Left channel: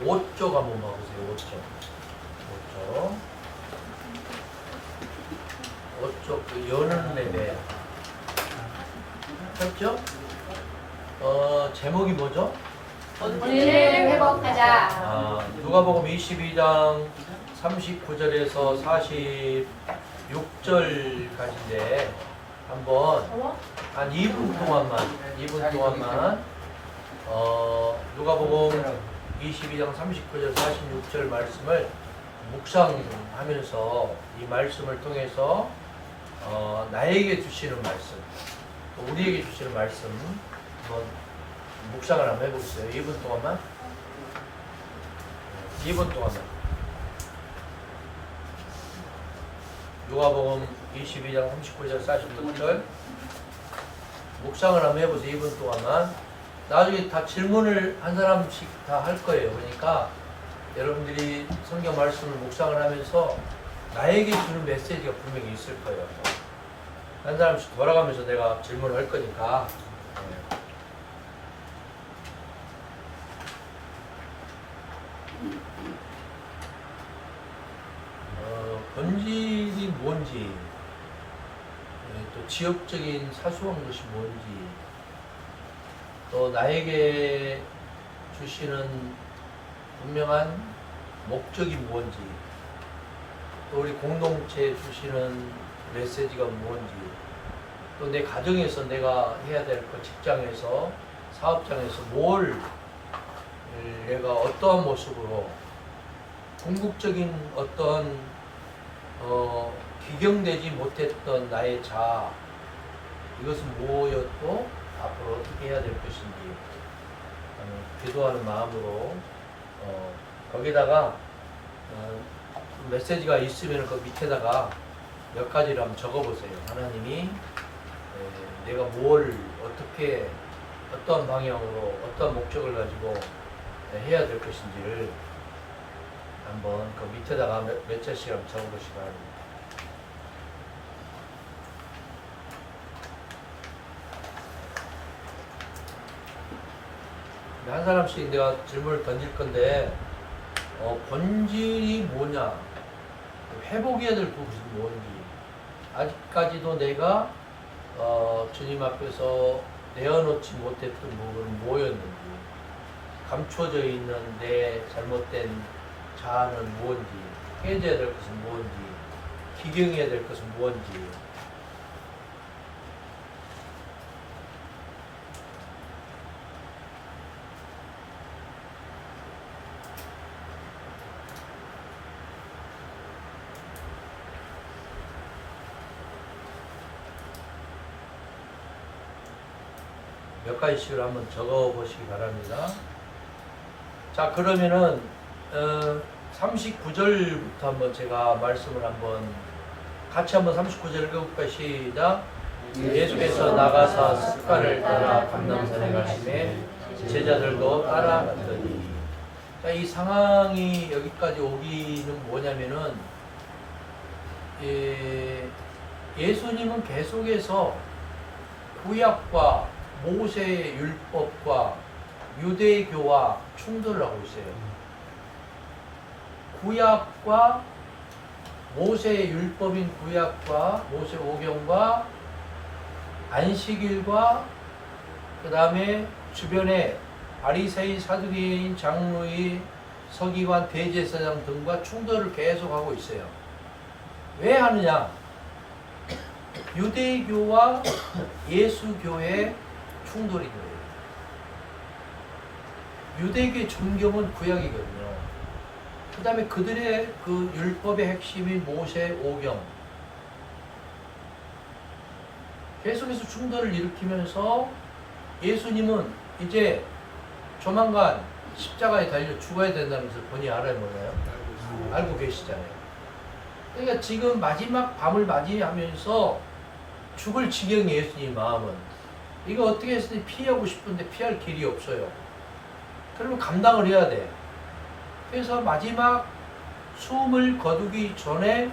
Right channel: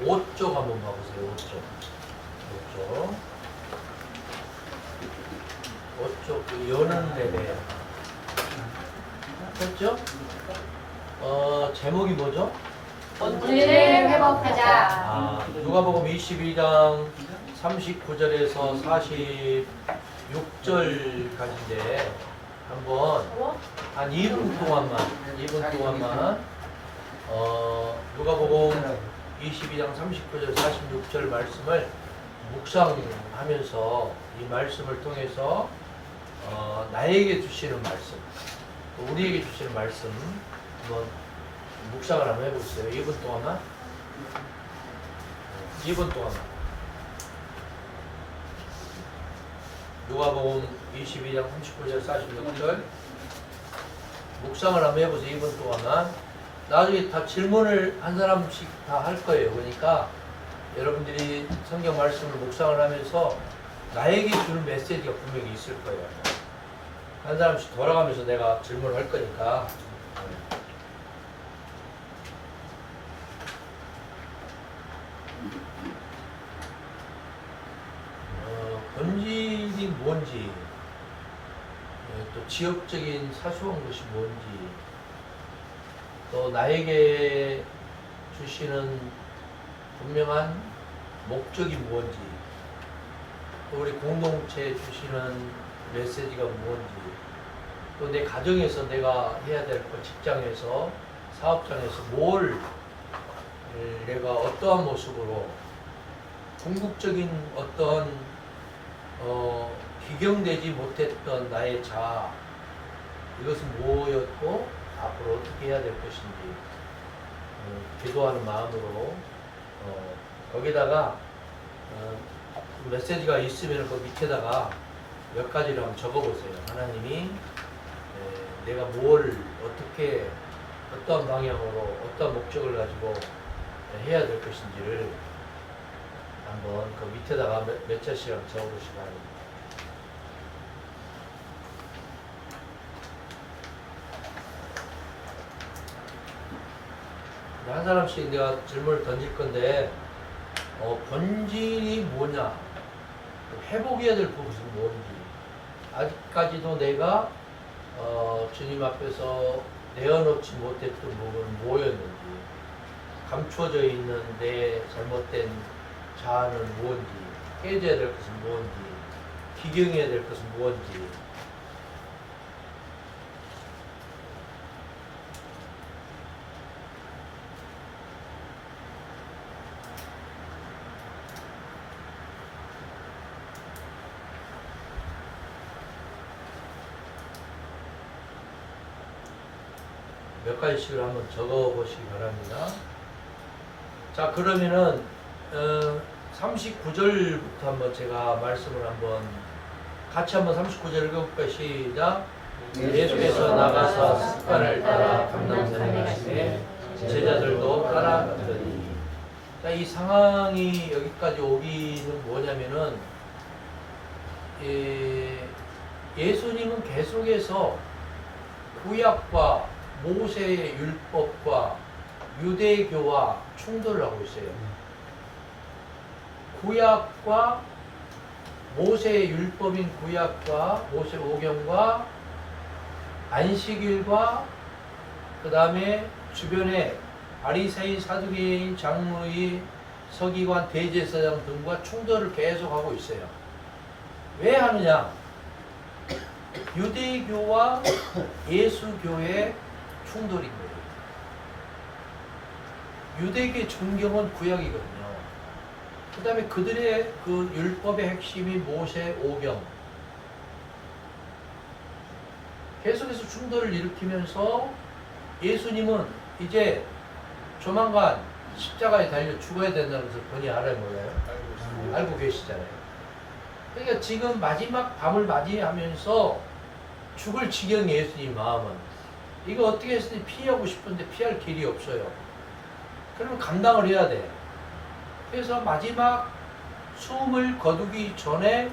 5쪽 한번 봐보세요. 5쪽 그 여는 레벨 했죠? 제목이 뭐죠? 본질을 회복하자. 누가복음 22장 39절에서 46절까지인데 한번 한 2분 동안만 누가복음 22장 39절 46절 말씀을 묵상하면서 이 말씀을 통해서 나에게 주시는 말씀, 우리에게 주시는 말씀 한번 묵상을 한번 해보세요. 2분 동안만. 누가복음 22장 39절 46절 묵상을 한번 해보세요. 2분 동안만. 나중에 다 질문을 한 사람씩 다 할 거예요. 그러니까 여러분들이 성경 말씀을 묵상을 하면서 나에게 주는 메시지가 분명히 있을 거예요. 한 사람씩 돌아가면서 내가 질문을 할 거니까. 본질이 뭔지, 또 지역적인 사소한 것이 뭔지, 또 나에게 주시는 분명한 목적이 뭔지, 또 우리 공동체에 주시는 메시지가 뭔지, 또 내 가정에서 내가 해야 될 것, 직장에서, 사업장에서 뭘 내가 어떠한 모습으로 궁극적인 어떤 기경되지 못했던 나의 자아, 이것은 뭐였고 앞으로 어떻게 해야 될 것인지 기도하는 마음으로 거기다가 메시지가 있으면 그 밑에다가 몇 가지를 한번 적어보세요. 하나님이 내가 뭘 어떻게 어떠한 방향으로 어떠한 목적을 가지고 해야 될 것인지를 한번 그 밑에다가 몇 자씩 한번 적어보시기 바랍니다. 한 사람씩 내가 질문을 던질 건데 본질이 뭐냐, 회복해야 될 것이 뭔지, 아직까지도 내가 주님 앞에서 내어놓지 못했던 부분은 뭐였는지, 감추어져 있는 내 잘못된 자아는 무엇인지, 깨져야 될 것은 무엇인지, 기경해야 될 것은 무엇인지, 몇 가지씩을 한번 적어 보시기 바랍니다. 자, 그러면은 39절부터 한번 제가 말씀을 한번 같이 한번 39절 읽어볼까요? 시작. 예수께서 나가서 습관을 따라 감람산에 가시매 제자들도 따라갔더니. 자, 이 상황이 여기까지 오기는 뭐냐면은 예수님은 계속해서 구약과 모세의 율법과 유대교와 충돌을 하고 있어요. 구약과 모세의 율법인 구약과 모세 오경과 안식일과 그 다음에 주변에 바리새인, 사두개인, 장로의, 서기관, 대제사장 등과 충돌을 계속하고 있어요. 왜 하느냐? 유대교와 예수교의 충돌인 거예요. 유대교의 정경은 구약이거든요. 그 다음에 그들의 그 율법의 핵심인 모세 오경, 계속해서 충돌을 일으키면서 예수님은 이제 조만간 십자가에 달려 죽어야 된다는 것을 본인이 알아요, 몰라요? 알고 계시잖아요. 그러니까 지금 마지막 밤을 맞이하면서 죽을 지경이 예수님 마음은 이거 어떻게 했으니 피하고 싶은데 피할 길이 없어요. 그러면 감당을 해야 돼. 그래서 마지막 숨을 거두기 전에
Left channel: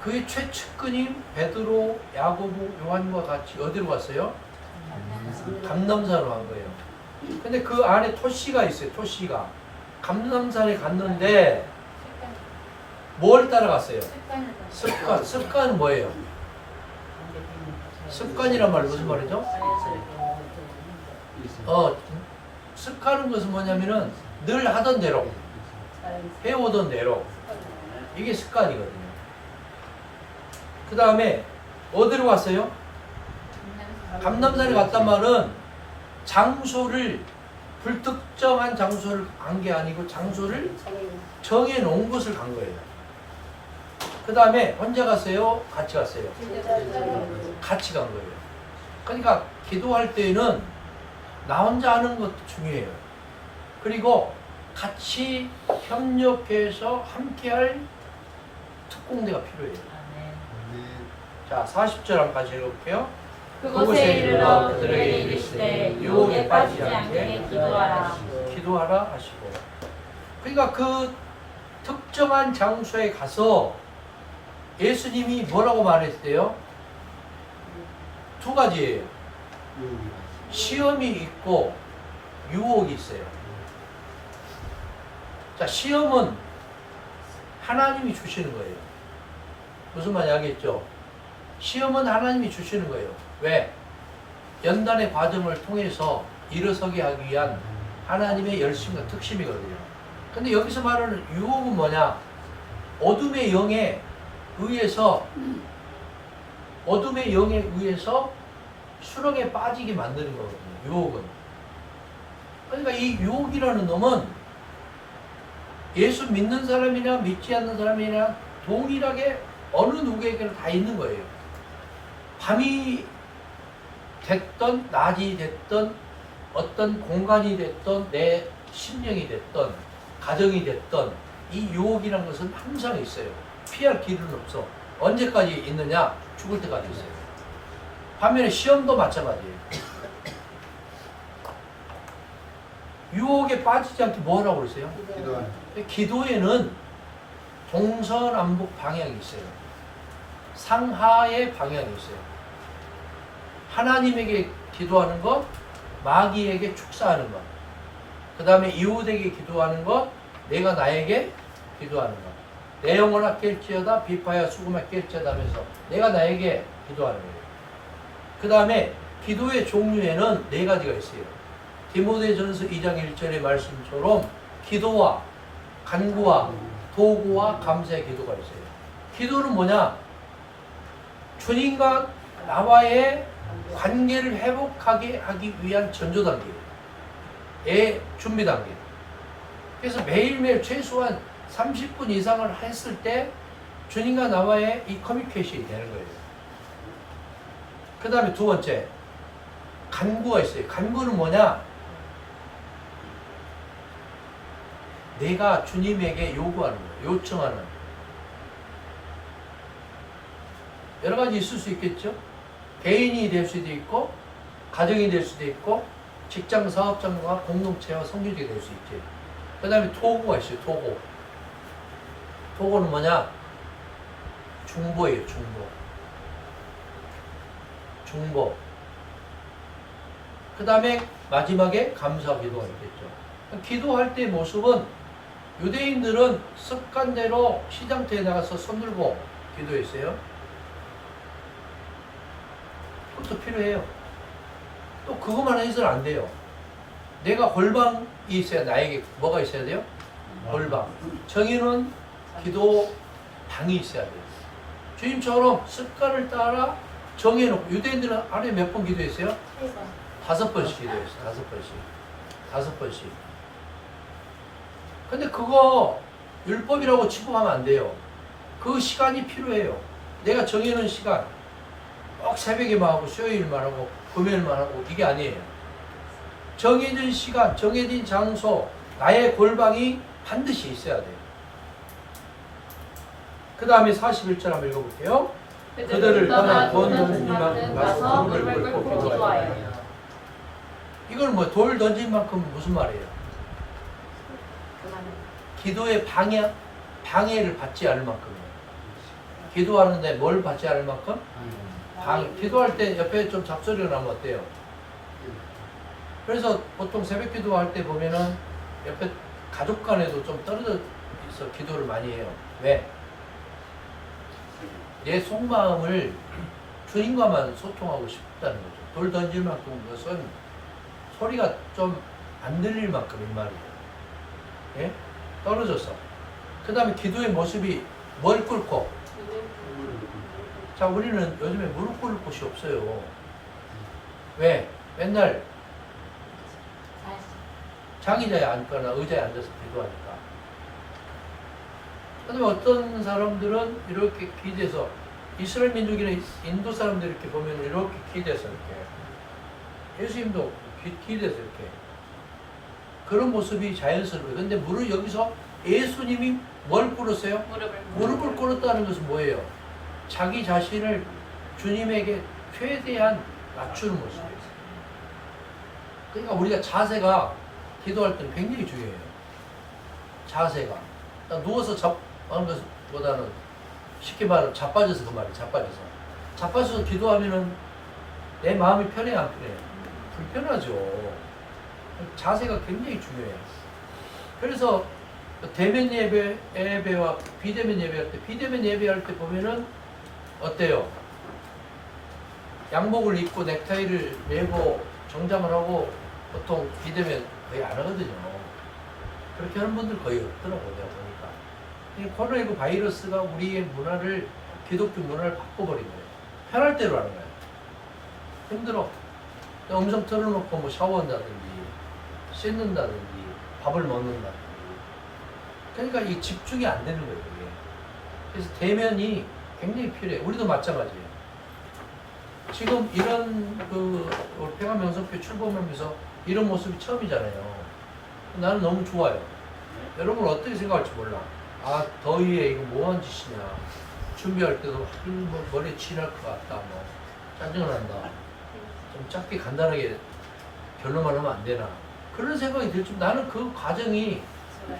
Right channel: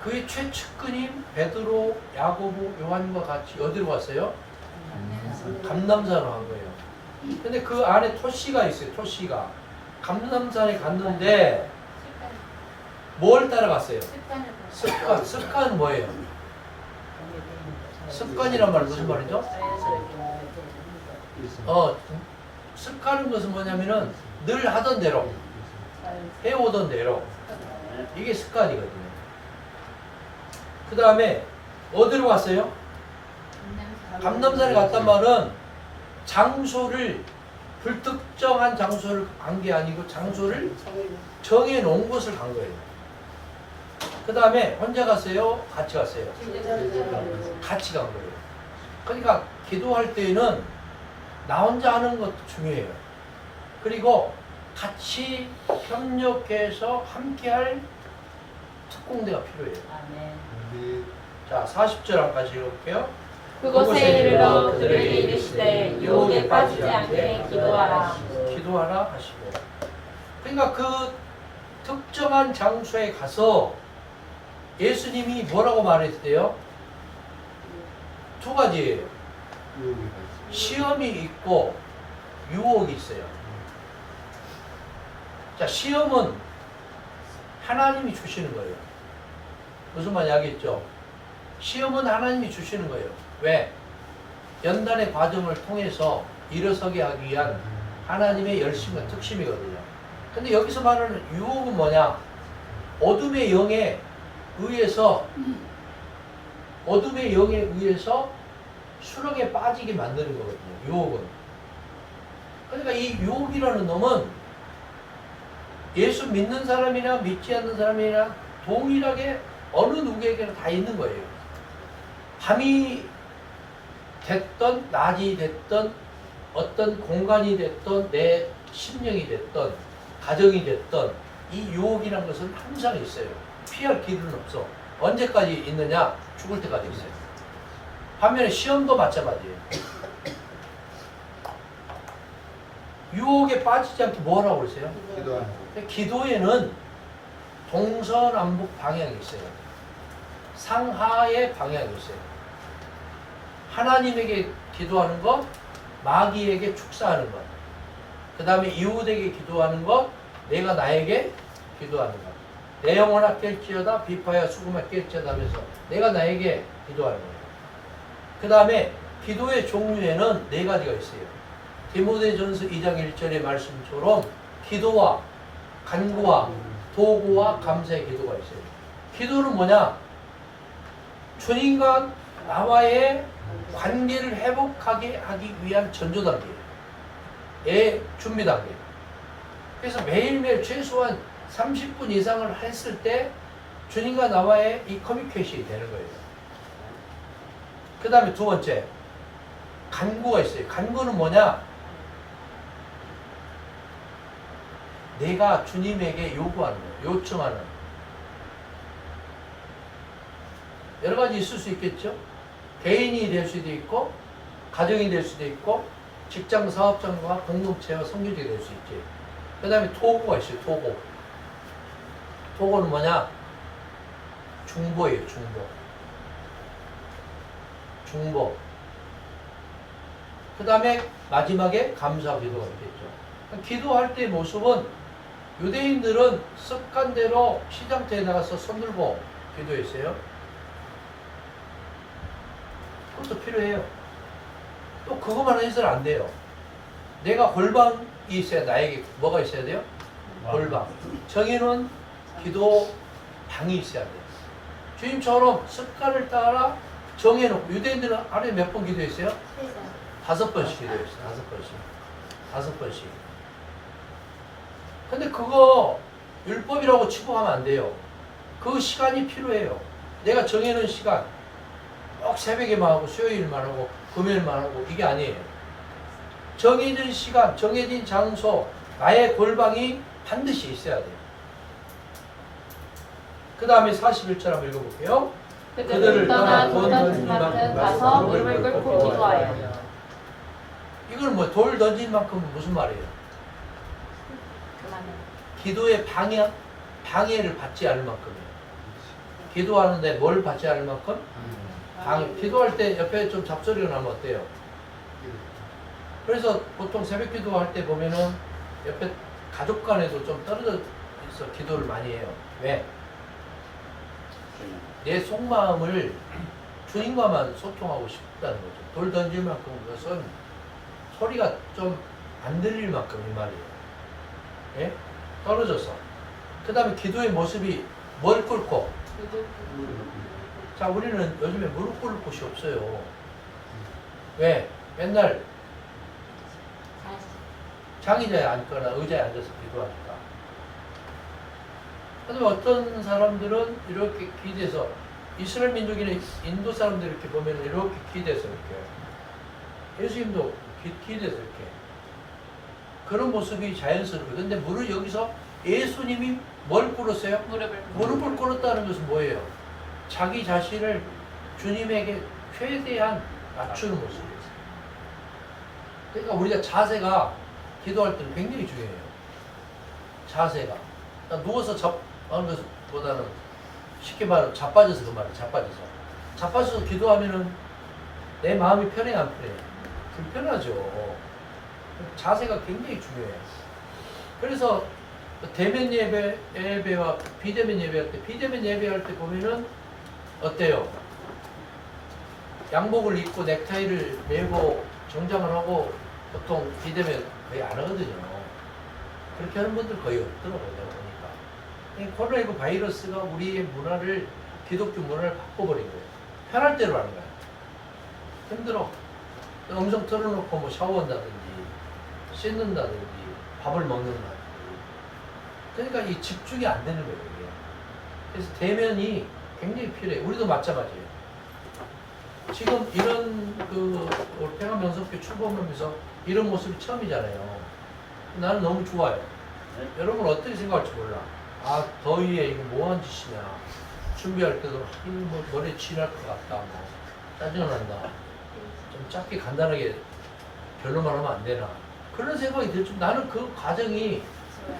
그의 최측근인 베드로, 야고보, 요한과 같이 어디로 갔어요? 감람산으로 간 거예요. 근데 그 안에 토시가 있어요. 토시가 감람산에 갔는데 뭘 따라갔어요? 습관. 습관은 뭐예요? 습관이란 말 무슨 말이죠? 습관은 것은 뭐냐면은 늘 하던 대로 해오던 대로 이게 습관이거든요. 그 다음에 어디로 갔어요? 감람산에 갔단 말은 장소를 불특정한 장소를 간 게 아니고 장소를 정해 놓은 곳을 간 거예요. 그 다음에 혼자 갔어요? 같이 갔어요? 같이 간 거예요. 그러니까 기도할 때에는 나 혼자 하는 것도 중요해요. 그리고 같이 협력해서 함께할 특공대가 필요해요. 자, 40절 한까지 읽어볼게요. 그곳에 이르러 그들에게 이르시되 유혹에 빠지지 않게 기도하라. 기도하라 하시고. 그러니까 그 특정한 장소에 가서 예수님이 뭐라고 말했대요? 두 가지예요. 시험이 있고 유혹이 있어요. 자, 시험은 하나님이 주시는 거예요. 무슨 말인지 알겠죠? 시험은 하나님이 주시는 거예요. 왜? 연단의 과정을 통해서 일어서게 하기 위한 하나님의 열심과 특심이거든요. 근데 여기서 말하는 유혹은 뭐냐? 어둠의 영에 의해서 수렁에 빠지게 만드는 거거든요. 유혹은. 그러니까 이 유혹이라는 놈은 예수 믿는 사람이나 믿지 않는 사람이나 동일하게 어느 누구에게나 다 있는 거예요. 밤이 됐던 낮이 됐던 어떤 공간이 됐던 내 심령이 됐던 가정이 됐던 이 유혹이라는 것은 항상 있어요. 피할 길은 없어. 언제까지 있느냐? 죽을 때까지 있어요. 반면에 시험도 마찬가지예요. 유혹에 빠지지 않게 뭐 하라고 그러세요? 기도에는 동서남북 방향이 있어요. 상하의 방향이 있어요. 하나님에게 기도하는 것, 마귀에게 축사하는 것, 그 다음에 이웃에게 기도하는 것, 내가 나에게 기도하는 것. 내 영혼아 깰지어다 비파야 수금아 깰지어다 하면서 내가 나에게 기도하는 거예요. 그 다음에 기도의 종류에는 네 가지가 있어요. 디모데전서 2장 1절의 말씀처럼 기도와 간구와 도구와 감사의 기도가 있어요. 기도는 뭐냐? 주님과 나와의 관계를 회복하게 하기 위한 전조 단계의 준비 단계. 그래서 매일매일 최소한 30분 이상을 했을 때 주님과 나와의 이 커뮤니케이션이 되는 거예요. 그 다음에 두 번째, 간구가 있어요. 간구는 뭐냐? 내가 주님에게 요구하는 거예요. 요청하는 거예요. 여러 가지 있을 수 있겠죠? 개인이 될 수도 있고, 가정이 될 수도 있고, 직장 사업장과 공동체와 성교지가 될 수 있죠. 그 다음에 토고가 있어요. 토고. 토고는 뭐냐? 중보예요. 중보. 중보. 그 다음에 마지막에 감사 기도가 있겠죠. 기도할 때의 모습은 유대인들은 습관대로 시장터에 나가서 손 들고 기도했어요. 그것도 필요해요. 또 그것만 해서는 안 돼요. 내가 골방이 있어야 나에게 뭐가 있어야 돼요? 골방. 정해놓은 기도 방이 있어야 돼요. 주님처럼 습관을 따라 정해놓고 유대인들은 하루에 몇 번 기도했어요? 5번씩 기도했어요. 5번씩. 근데 그거 율법이라고 치부하면 안 돼요. 그 시간이 필요해요. 내가 정해놓은 시간, 꼭 새벽에만 하고 수요일만 하고 금요일만 하고 이게 아니에요. 정해진 시간, 정해진 장소, 나의 골방이 반드시 있어야 돼요. 그 다음에 41절 한번 읽어볼게요. 그들을 떠나 돈 던질 만큼 가서 무릎을 꿇고 기도하여. 이건 뭐 돌 던질 만큼 무슨 말이에요? 기도의 방해를 받지 않을 만큼이에요. 기도하는데 뭘 받지 않을 만큼? 기도할 때 옆에 좀 잡소리가 나면 어때요? 그래서 보통 새벽 기도할 때 보면은 옆에 가족 간에도 좀 떨어져 있어 기도를 많이 해요. 왜? 내 속마음을 주님과만 소통하고 싶다는 거죠. 돌 던질 만큼 그것은 소리가 좀 안 들릴 만큼 이 말이에요. 예? 떨어져서. 그 다음에 기도의 모습이 뭘 꿇고. 자, 우리는 요즘에 무릎 꿇을 곳이 없어요. 왜? 맨날 자기자에 앉거나 의자에 앉아서 기도하니까. 하지만 어떤 사람들은 이렇게 기대서 이스라엘 민족이나 인도 사람들 이렇게 보면 이렇게 기대서 이렇게 예수님도 기대서 이렇게 그런 모습이 자연스러워요. 근데 무릎 여기서 예수님이 뭘 꿇었어요? 무릎을 꿇었다는 것은 뭐예요? 자기 자신을 주님에게 최대한 낮추는 모습이에요. 그러니까 우리가 자세가 기도할 때는 굉장히 중요해요. 자세가. 누워서 하는 것보다는 쉽게 말하면 자빠져서 그 말이에요. 자빠져서 기도하면은 내 마음이 편해 안 편해? 불편하죠. 자세가 굉장히 중요해요. 그래서 대면 예배와 비대면 예배할 때, 비대면 예배할 때 보면은 어때요? 양복을 입고 넥타이를 매고 정장을 하고 보통 비대면 거의 안 하거든요. 그렇게 하는 분들 거의 없더라고 내가 보니까. 코로나19 바이러스가 우리의 문화를 기독교 문화를 바꿔버린 거예요. 편할 대로 하는 거예요. 힘들어. 음성 틀어놓고 뭐 샤워한다든지 씻는다든지 밥을 먹는다든지. 그러니까 이 집중이 안 되는 거예요. 이게. 그래서 대면이 굉장히 필요해. 우리도 마찬가지예요. 지금 이런 평안 명성교 출범하면서 이런 모습이 처음이잖아요. 나는 너무 좋아요. 여러분 어떻게 생각할지 몰라. 아, 더위에 이거 뭐한 짓이냐. 준비할 때도 뭐 머리에 칠할 것 같다. 뭐 짜증난다. 좀 짧게 간단하게 결론만 하면 안 되나. 그런 생각이 들 줄. 나는 그 과정이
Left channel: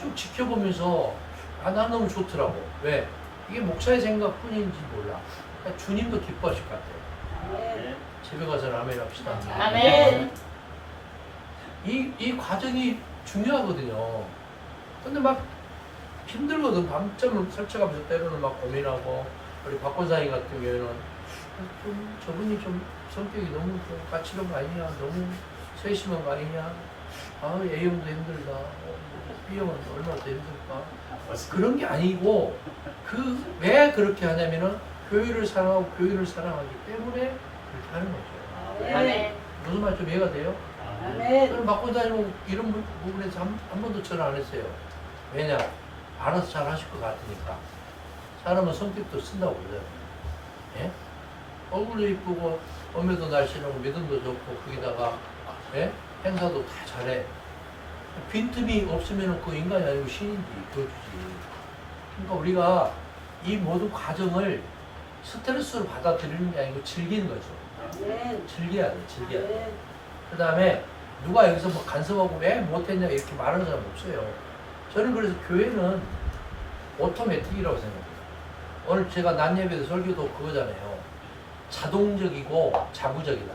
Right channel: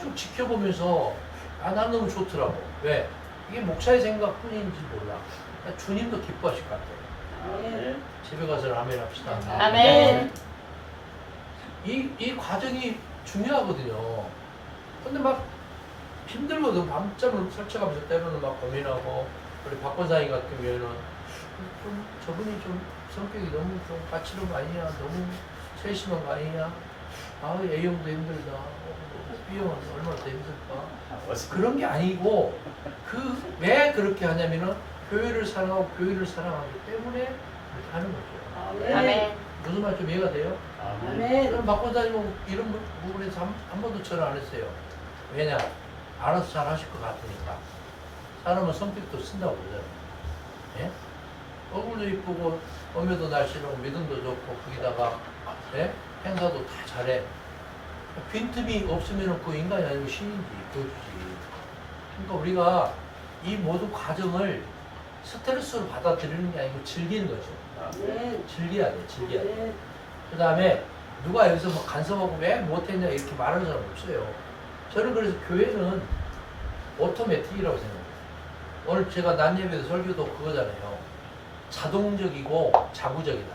쭉 지켜보면서 난 너무 좋더라고. 왜? 이게 목사의 생각뿐인지 몰라. 그러니까 주님도 기뻐하실 것 같아요. 집에 가서 아멘 합시다. 아멘. 이 과정이 중요하거든요. 근데 막 힘들거든. 밤잠을 설쳐가면서 때로는 막 고민하고, 우리 박 권사님 같은 경우에는 좀 저분이 좀 성격이 너무 좀 까칠한 거 아니냐, 너무 세심한 거 아니냐, 아 A형도 힘들다, B형은 얼마나 더 힘들까. 그런 게 아니고 왜 그렇게 하냐면은 교회를 사랑하고 교회를 사랑하기 때문에 그렇게 하는 거죠. 아멘. 무슨 말 좀 이해가 돼요? 아멘. 그럼 박 권사님은 이런 부분에서 한 번도 전화 안 했어요. 왜냐? 알아서 잘 하실 것 같으니까. 사람은 성격도 쓴다고 그러잖아요. 예? 얼굴도 이쁘고 몸매도 날씬하고 믿음도 좋고 거기다가 예? 행사도 다 잘해. 빈틈이 없으면 그 인간이 아니고 신인지 도주지. 그러니까 우리가 이 모든 과정을 스트레스로 받아들이는 게 아니고 즐기는 거죠. 즐겨야 돼, 즐겨야 돼. 그 다음에 누가 여기서 막 간섭하고 왜 못했냐 이렇게 말하는 사람 없어요. 저는 그래서 교회는 오토매틱이라고 생각해요. 오늘 제가 낮 예배도 설교도 그거잖아요. 자동적이고 자구적이다.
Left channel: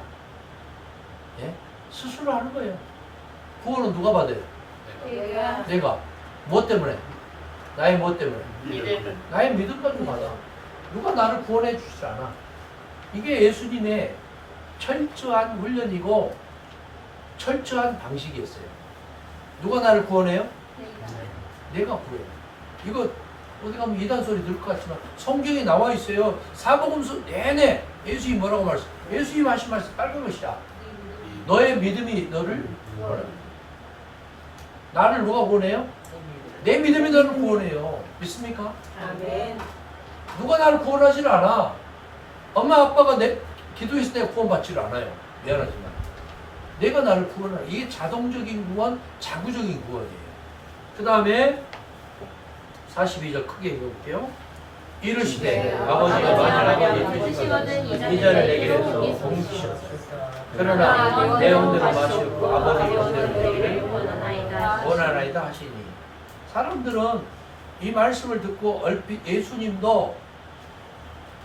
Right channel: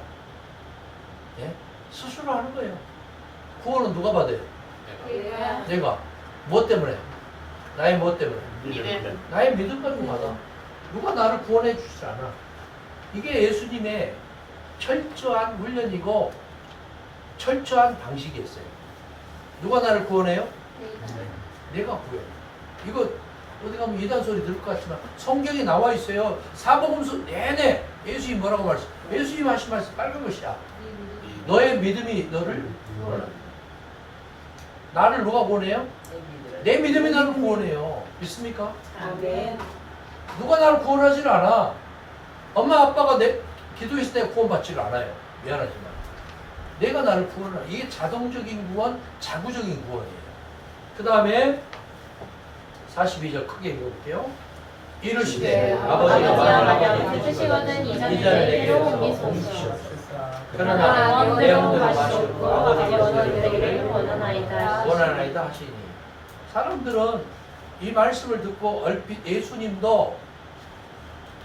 예? 스스로 하는 거예요. 구원은 누가 받아요? 내가. 뭐 때문에? 나의 뭐 때문에? 나의 믿음 가지고 받아. 누가 나를 구원해 주지 않아. 이게 예수님의 철저한 훈련이고 철저한 방식이었어요. 누가 나를 구원해요? 내가 구해요. 이거 어디 가면 이단 소리 들을 것 같지만 성경에 나와 있어요. 사복음서 내내 예수님이 뭐라고 말했어? 예수님이 하신 말씀 빨간 것이야. 너의 믿음이 너를 구원한다. 나를 누가 구원해요? 내 믿음이 너를 구원해요. 믿습니까? 아멘. 누가 나를 구원하지를 않아. 엄마 아빠가 내 기도했을 때 구원받지를 않아요. 미안하지만 내가 나를 구원하라. 이게 자동적인 구원, 자구적인 구원이에요. 그 다음에 42절 크게 읽어볼게요. 이르시되 아버지가 만일 아버지 되시거든 이 자를 내게서 옮기시옵소서. 그러나 내 마음대로 마시옵고 아버지 마음대로 되기를 원하나이다 하시니. 사람들은 이 말씀을 듣고 얼핏 예수님도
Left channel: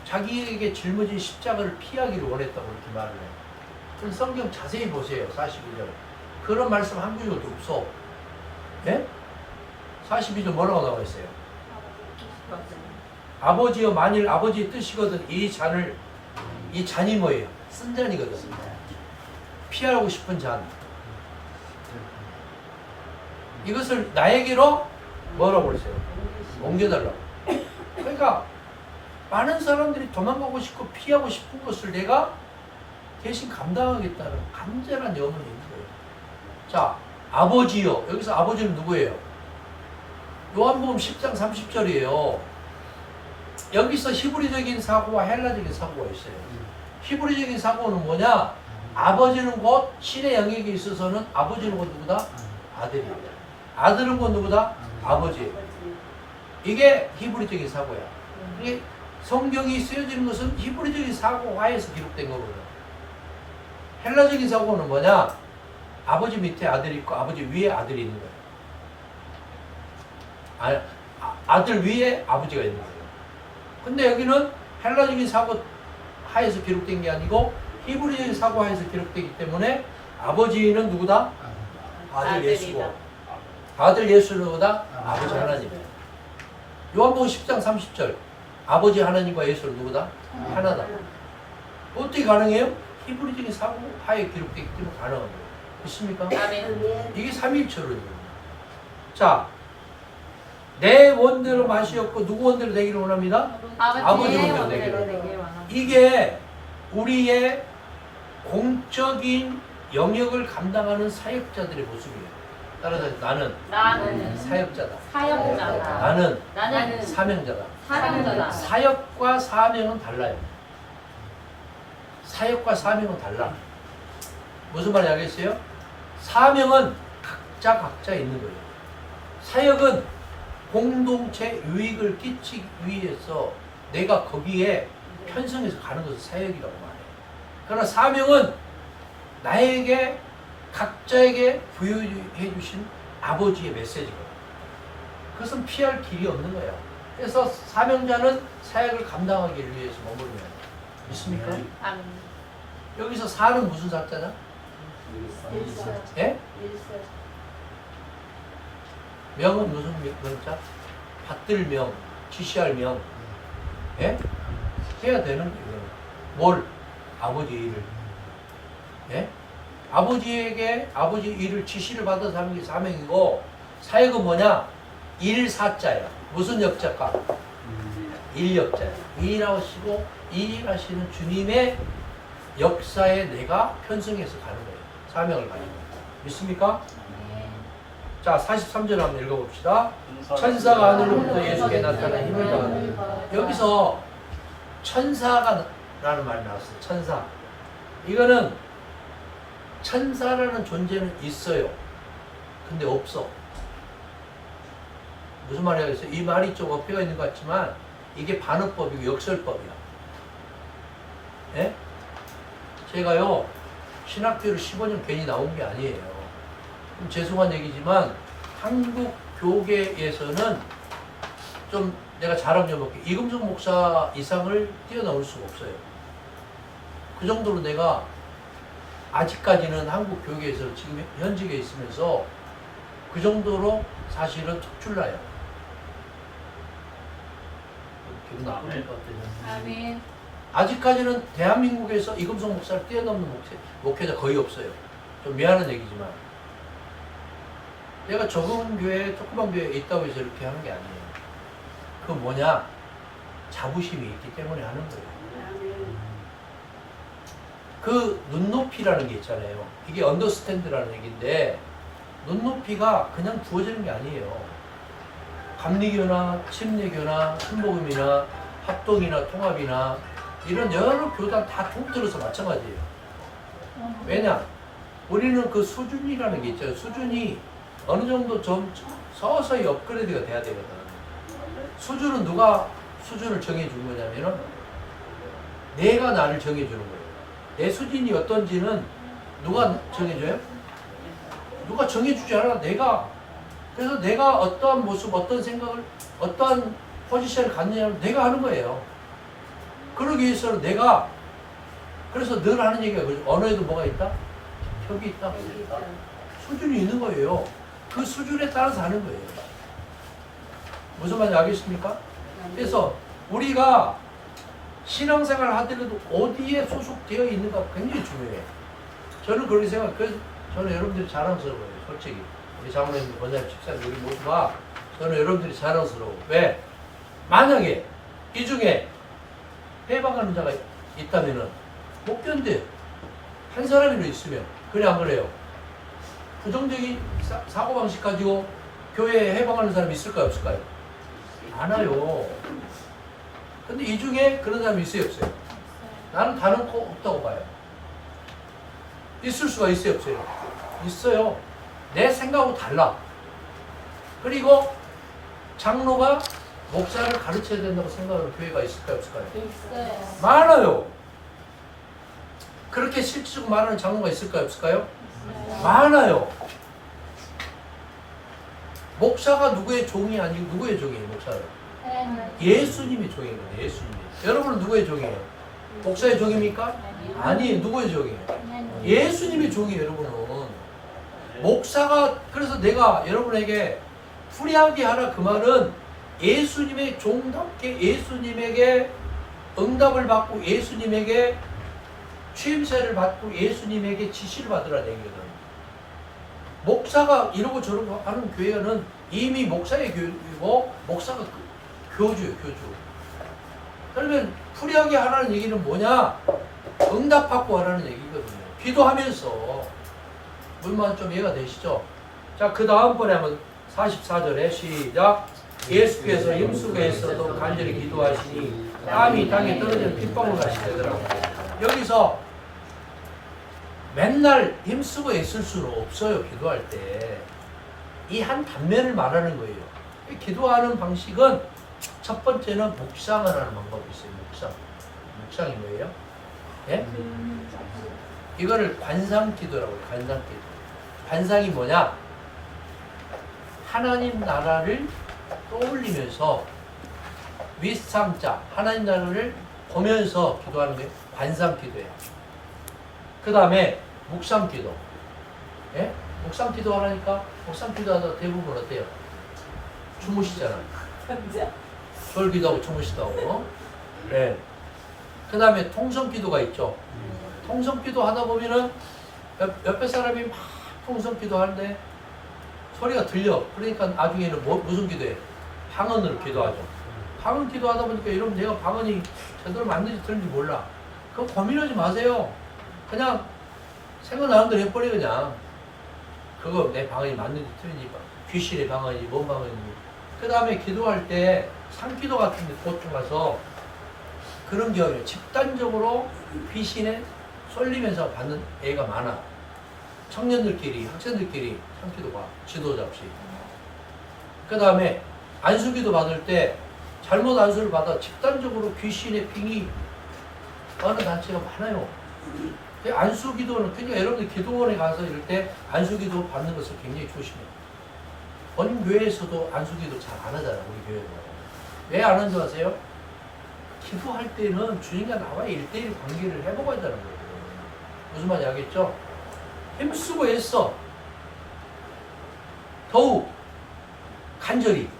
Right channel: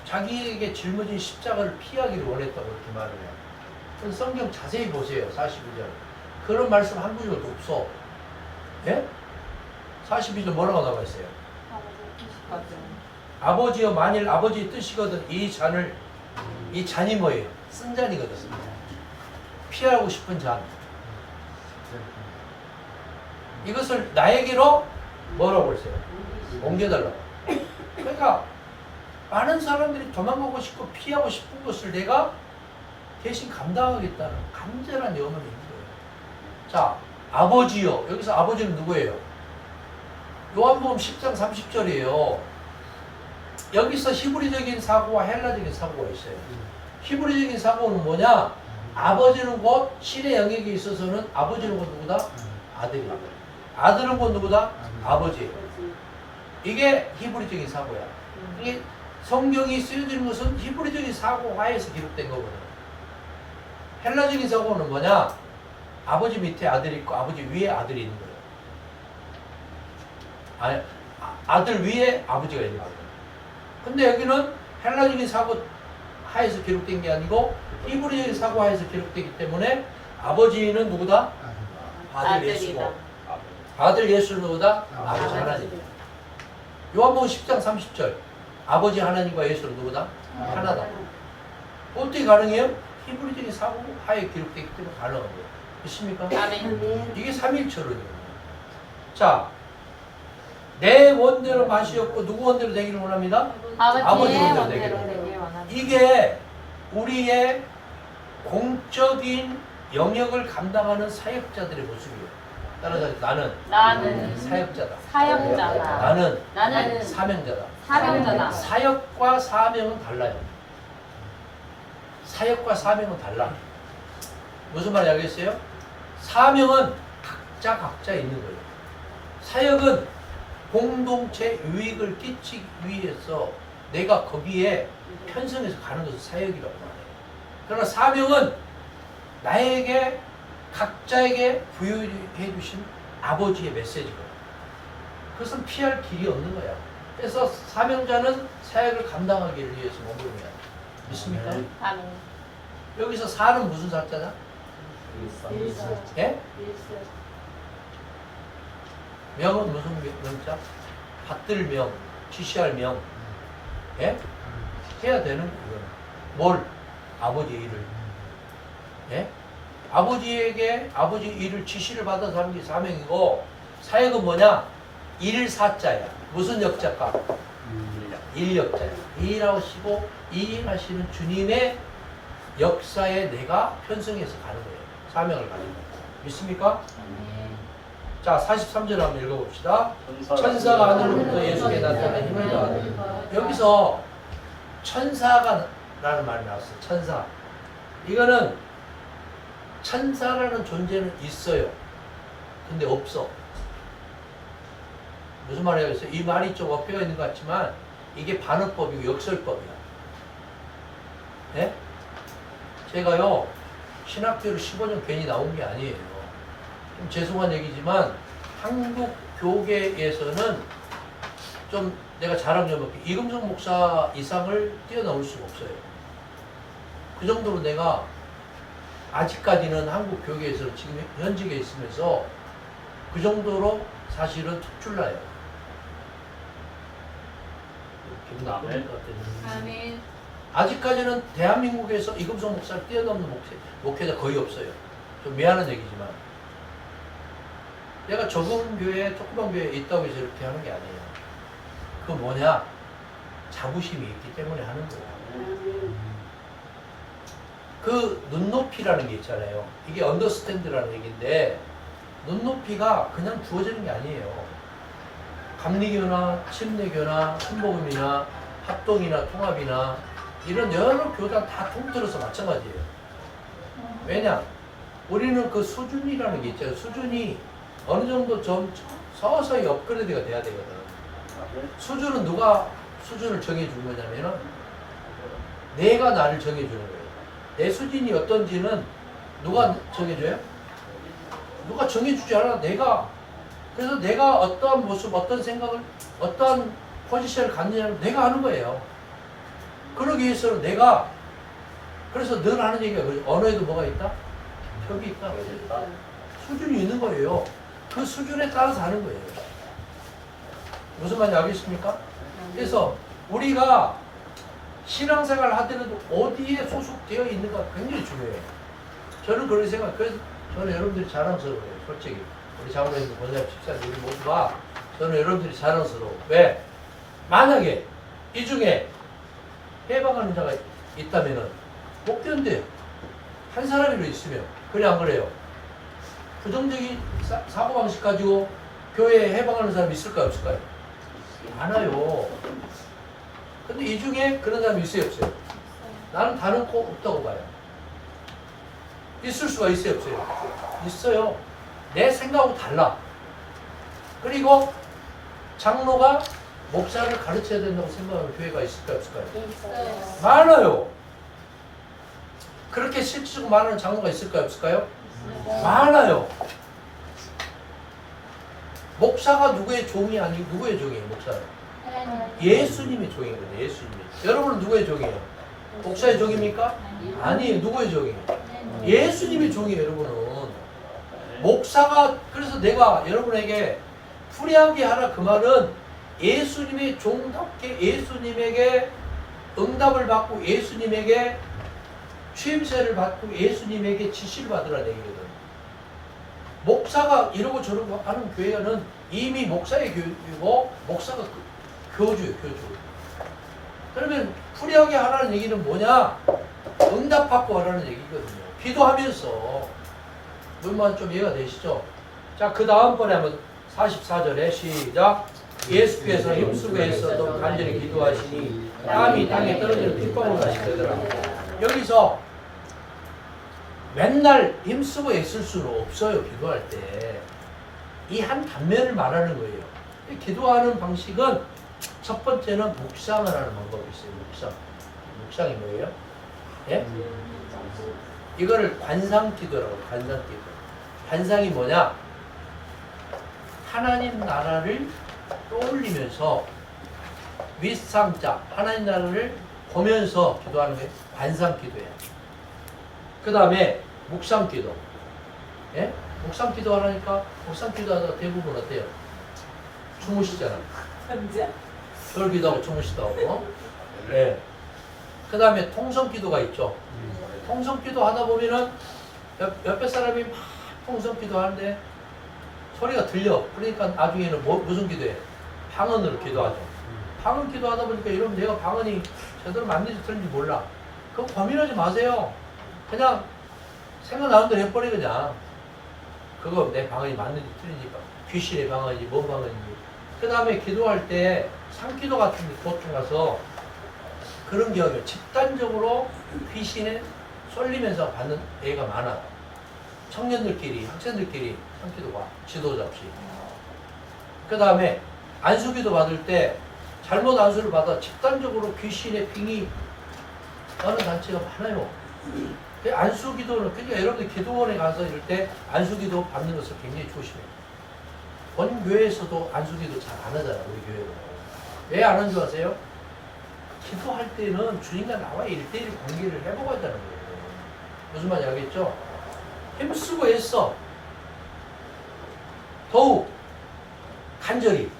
자기에게 짊어진 십자가를 피하기를 원했다고 이렇게 말을 해요. 그래서 성경 자세히 보세요. 42절. 그런 말씀 한 구절도 없어. 예? 42절 뭐라고 나와 있어요? 아버지여 만일 아버지의 뜻이거든 이 잔이 뭐예요? 쓴 잔이거든. 피하고 싶은 잔. 이것을 나에게로 뭐라고 그랬어요? 옮겨달라고. 그러니까 많은 사람들이 도망가고 싶고 피하고 싶은 것을 내가 대신 감당하겠다는 간절한 염원이 있는 거예요. 자, 아버지요. 여기서 아버지는 누구예요? 요한복음 10장 30절이에요. 여기서 히브리적인 사고와 헬라적인 사고가 있어요. 히브리적인 사고는 뭐냐? 아버지는 곧 신의 영역에 있어서는 아버지는 곧 누구다? 아들이에요. 아들은 곧 누구다? 아버지예요. 이게 히브리적인 사고야. 이게 성경이 쓰여지는 것은 히브리적인 사고 하에서 기록된 거거든요. 헬라적인 사고는 뭐냐? 아버지 밑에 아들이 있고 아버지 위에 아들이 있는 거예요. 아니, 아들 위에 아버지가 있는 거예요. 근데 여기는 헬라적인 사고 하에서 기록된 게 아니고 히브리적인 사고 하에서 기록되기 때문에 아버지는 누구다? 아들 예수고 아들 예수는 누구다? 아버지 하나님이다. 요한복음 10장 30절 아버지 하나님과 예수는 누구다? 하나다. 어떻게 가능해요? 히브리적인 사고 하에 기록되기 때문에 가능한 거예요. 있습니까? 이게 삼위일체론이거든요. 자, 내 원대로 마시었고 누구 원대로 되기를 원합니다? 아버지 원대로 되기를 원합니다. 이게 우리의 공적인 영역을 감당하는 사역자들의 모습이에요. 따라서 나는 사역자다. 나는 사명자다. 사역과 사명은 달라요. 사역과 사명은 달라. 무슨 말이 알겠어요? 사명은 각자 있는 거예요. 사역은 공동체 유익을 끼치기 위해서 내가 거기에 편성해서 가는 것을 사역이라고 말해요. 그러나 사명은 나에게 각자에게 부여해 주신 아버지의 메시지거든요. 그것은 피할 길이 없는 거야. 그래서 사명자는 사역을 감당하기 위해서 머무르는 거야. 믿습니까? 여기서 사는 무슨 사자냐? 예? 명은 무슨 명자? 받들 명, 지시할 명. 예? 해야 되는 이거는. 뭘? 아버지 일을. 예? 아버지에게 아버지 일을 지시를 받아서 하는 게 사명이고 사역은 뭐냐? 일사자야. 무슨 역자가? 일역자야. 일하시고 일하시는 주님의 역사에 내가 편승해서 가는 거예요. 사명을 가는 거예요. 믿습니까? 자, 43절 한번 읽어봅시다. 천사가 하늘로부터 예수께 나타나 힘을 더하니. 여기서 천사가 라는 말이 나왔어요. 천사. 이거는 천사라는 존재는 있어요. 근데 없어. 무슨 말이겠어요? 이 말이 좀 엎혀가 있는 것 같지만 이게 반어법이고 역설법이야. 예? 제가요 신학교를 15년 괜히 나온 게 아니에요. 좀 죄송한 얘기지만 한국 교계에서는 좀 내가 자랑 좀 할게. 이금성 목사 이상을 뛰어넘을 수가 없어요. 그 정도로 내가 아직까지는 한국 교계에서 지금 현직에 있으면서 그 정도로 사실은 특출나요. 기분 나쁠 것 같아요. 아직까지는 대한민국에서 이금성 목사를 뛰어넘는 목회자 거의 없어요. 좀 미안한 얘기지만 내가 적은 교회, 조그만 교회에 있다고 해서 이렇게 하는 게 아니에요. 그 뭐냐? 자부심이 있기 때문에 하는 거예요. 그 눈높이라는 게 있잖아요. 이게 언더스탠드라는 얘기인데 눈높이가 그냥 주어지는 게 아니에요. 감리교나 침례교나 순복음이나 합동이나 통합이나 이런 여러 교단 다 통틀어서 마찬가지예요. 왜냐? 우리는 그 수준이라는 게 있잖아요. 수준이 어느 정도 좀 서서히 업그레이드가 돼야 되거든. 수준은 누가 수준을 정해준 거냐면은 내가 나를 정해주는 거예요. 내 수준이 어떤지는 누가 정해줘요? 누가 정해주지 않아. 내가. 그래서 내가 어떠한 모습, 어떤 생각을, 어떠한 포지션을 갖느냐를 내가 하는 거예요. 그러기 위해서는 내가, 그래서 늘 하는 얘기가 언어에도 뭐가 있다? 혁이 있다. 수준이 있는 거예요. 그 수준에 따라서 하는 거예요. 무슨 말인지 알겠습니까? 그래서 우리가 신앙생활을 하더라도 어디에 소속되어 있는가 굉장히 중요해요. 저는 그렇게 생각해요. 그래서 저는 여러분들이 자랑스러워요. 솔직히. 우리 장로님도 권사님 집사님 우리 모두가 저는 여러분들이 자랑스러워. 왜? 만약에 이 중에 해방하는 자가 있다면은 못 견뎌요. 한 사람이라도 있으면. 그래 안 그래요? 부정적인 사고방식 가지고 교회에 해방하는 사람이 있을까요? 없을까요? 많아요. 근데 이 중에 그런 사람이 있어요? 없어요? 나는 다른 코 없다고 봐요. 있을 수가 있어요? 없어요? 있어요. 내 생각하고 달라. 그리고 장로가 목사를 가르쳐야 된다고 생각하는 교회가 있을까요? 없을까요? 있어요. 많아요. 그렇게 실질적으로 말하는 장로가 있을까요? 없을까요? 많아요. 목사가 누구의 종이 아니고 누구의 종이에요? 목사는 예수님의 종이거든요. 예수님이. 여러분은 누구의 종이에요? 목사의 종입니까? 아니, 누구의 종이에요? 예수님의 종이에요. 여러분은. 목사가 그래서 내가 여러분에게 풀이하게 하라 그 말은 예수님의 종답게 예수님에게 응답을 받고 예수님에게 취임새를 받고 예수님에게 지시를 받으라는 얘기거든. 목사가 이러고 저러고 하는 교회는 이미 목사의 교육이고 목사가 교주예요. 교주. 그러면 풀이하게 하라는 얘기는 뭐냐? 응답받고 하라는 얘기거든요. 기도하면서 물만 좀 이해가 되시죠? 자, 그 다음번에 한번 44절에 시작. 예수께서 힘쓰고 애써도 간절히 기도하시니 땀이 땅에 떨어지는 핏방울 같이 되더라고요. 여기서 맨날 힘쓰고 애쓸 수는 없어요. 기도할 때. 이 한 단면을 말하는 거예요. 기도하는 방식은 첫 번째는 묵상을 하는 방법이 있어요. 묵상. 묵상이 뭐예요? 예? 이거를 관상기도라고 해요. 관상기도. 관상이 뭐냐? 하나님 나라를 떠올리면서 윗상자 하나님 나라를 보면서 기도하는 게 관상기도예요. 그 다음에 묵상기도. 예? 묵상기도 하니까 묵상기도 하다가 대부분 어때요? 주무시잖아요. 절 기도하고 주무시다고. 예. 그 다음에 통성기도가 있죠. 통성기도 하다 보면은 옆에 사람이 막 통성기도 하는데 소리가 들려. 그러니까 나중에는 무슨 기도해? 방언으로 기도하죠. 방언 기도하다 보니까 여러분 내가 방언이 제대로 맞는지 틀린지 몰라. 그거 고민하지 마세요. 그냥 생각나는 대로 해버려 그냥. 그거 내 방언이 맞는지 틀린지 귀신의 방언인지 뭔 방언인지. 그 다음에 기도할 때 상기도 같은 데 보통 가서 그런 경우에 집단적으로 귀신에 쏠리면서 받는 애가 많아. 청년들끼리 학생들끼리 상기도가 지도자 없이. 그 다음에 안수기도 받을 때 잘못 안수를 받아 집단적으로 귀신의 빙이 하는 단체가 많아요. 안수기도는 그러니까 여러분들 기도원에 가서 이럴 때 안수기도 받는 것을 굉장히 조심해요. 본인 교회에서도 안수기도 잘 안 하잖아. 우리 교회도. 왜 안 하는 줄 아세요? 기도할 때는 주님과 나와 1대1 관계를 회복하자는 거예요. 무슨 말인지 알겠죠? 힘쓰고 애써 더욱 간절히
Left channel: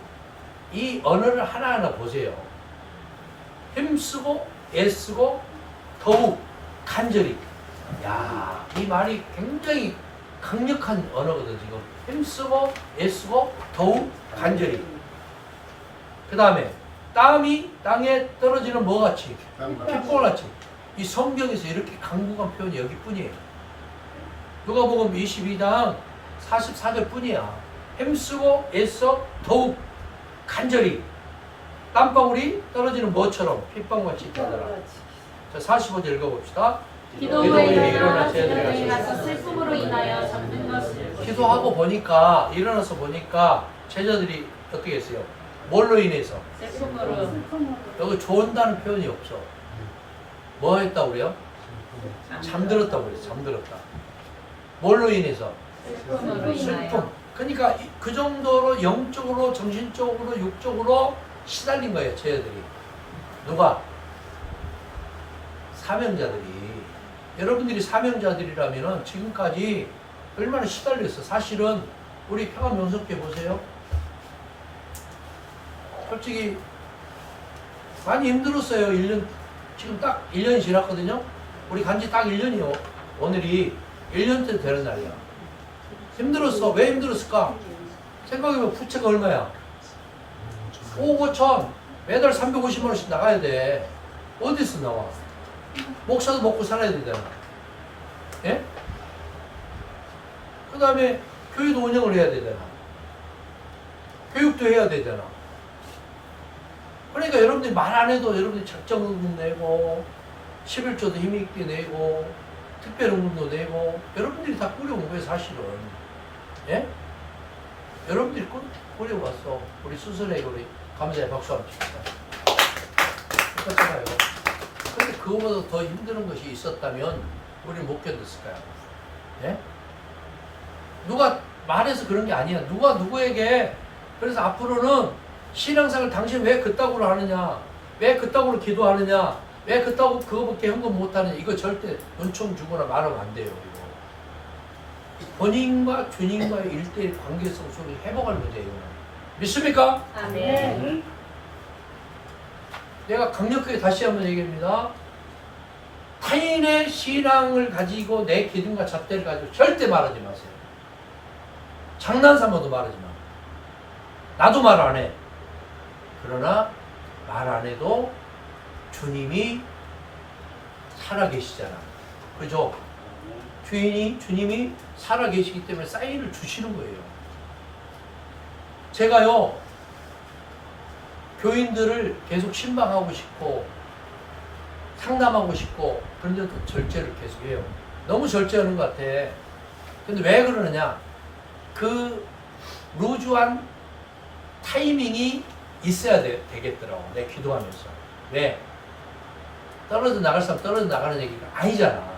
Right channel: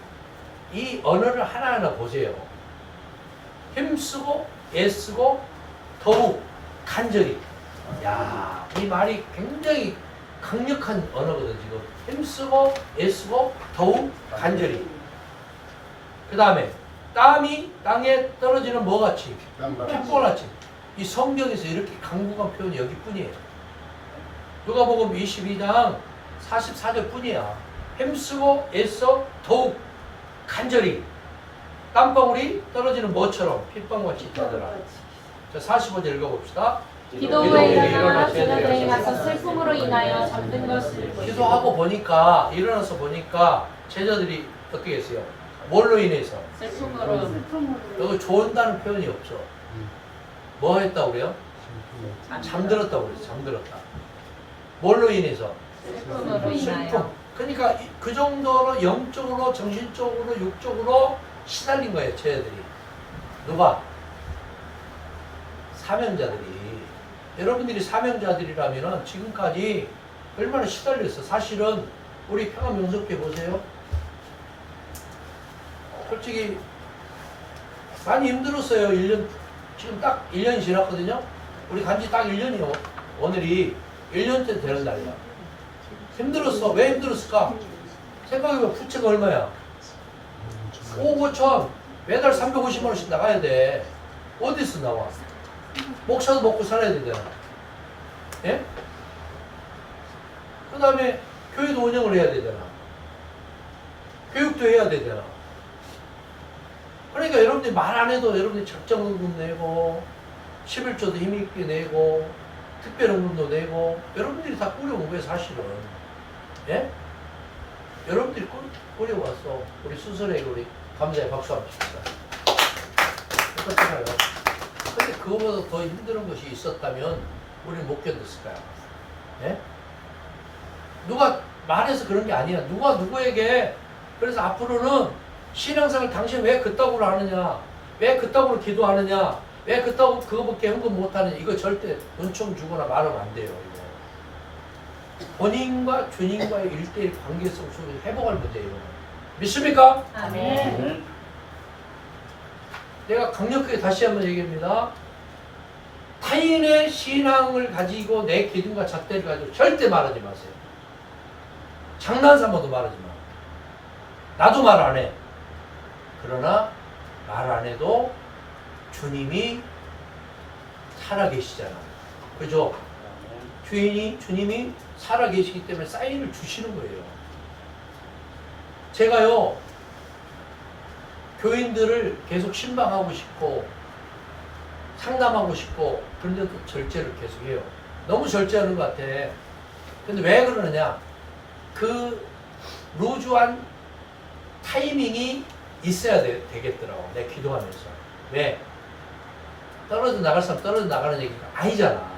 이 언어를 하나하나 보세요. 힘쓰고 애쓰고 더욱 간절히. 야, 이 말이 굉장히 강력한 언어거든 지금. 힘쓰고 애쓰고 더욱 간절히. 그 다음에 땀이 땅에 떨어지는 뭐같이? 핏방울같이. 이 성경에서 이렇게 강국한 표현이 여기뿐이에요. 누가복음 22장 44절 뿐이야. 힘쓰고 애써 더욱 간절히 땀방울이 떨어지는 뭐처럼 핏방울같이 있다더라. 자, 45절 읽어봅시다. 기도하여 일어나 제자들이 일어나서 슬픔으로 인하여 잠든 것을 기도하고 보니까 일어나서 보니까 제자들이 어떻게 했어요? 뭘로 인해서? 슬픔으로 여기 좋은다는 표현이 없어. 뭐 했다고 그래요? 잠들었다고 그래요. 잠들었다. 뭘로 인해서? 슬픔으로 인하여 슬픔. 그러니까 그 정도로 영적으로 정신적으로 육적으로 시달린 거예요. 제자들이. 누가? 사명자들이. 여러분들이 사명자들이라면 지금까지 얼마나 시달렸어. 사실은 우리 평안명석회 보세요. 솔직히 많이 힘들었어요. 1년, 지금 딱 1년이 지났거든요. 우리 간지 딱 1년이요. 오늘이 1년째 되는 날이야. 힘들었어. 왜 힘들었을까? 생각해보면 부채가 얼마야? 5억 5천. 매달 350만 원씩 나가야 돼. 어디서 나와? 목사도 먹고 살아야 되잖아. 예? 그 다음에 교회도 운영을 해야 되잖아. 교육도 해야 되잖아. 그러니까 여러분들이 말 안 해도 여러분들이 작정응금 내고 11조도 힘있게 내고 특별응금도 내고 여러분들이 다 꾸려온 거예요 사실은. 예? 여러분들이 꾸려왔어. 우리 수술에 우리 감사의 박수 한번 칩시다. 그렇잖아요. 근데 그거보다 더 힘든 것이 있었다면 우리는 못 견뎠을 거야. 예? 누가 말해서 그런 게 아니야. 누가 누구에게. 그래서 앞으로는 신앙생활 당신 왜 그따구로 하느냐, 왜 그따구로 기도하느냐, 왜 그따구 그거밖에 헌금 못하느냐, 이거 절대 은총 주거나 말하면 안 돼요. 이거 본인과 주님과의 1대1 관계성 속에 회복할 문제예요. 이거는. 믿습니까? 아멘. 내가 강력하게 다시 한번 얘기합니다. 타인의 신앙을 가지고 내 기준과 잣대를 가지고 절대 말하지 마세요. 장난삼아도 말하지 마. 나도 말 안 해. 그러나 말 안 해도 주님이 살아계시잖아. 그죠? 주님이 살아계시기 때문에 사인을 주시는 거예요. 제가요, 교인들을 계속 신방하고 싶고 상담하고 싶고 그런데도 절제를 계속해요. 너무 절제하는 것 같아. 근데 왜 그러느냐? 그 루즈한 타이밍이 있어야 되겠더라고. 내 기도하면서. 왜? 떨어져 나갈 사람 떨어져 나가는 얘기가 아니잖아.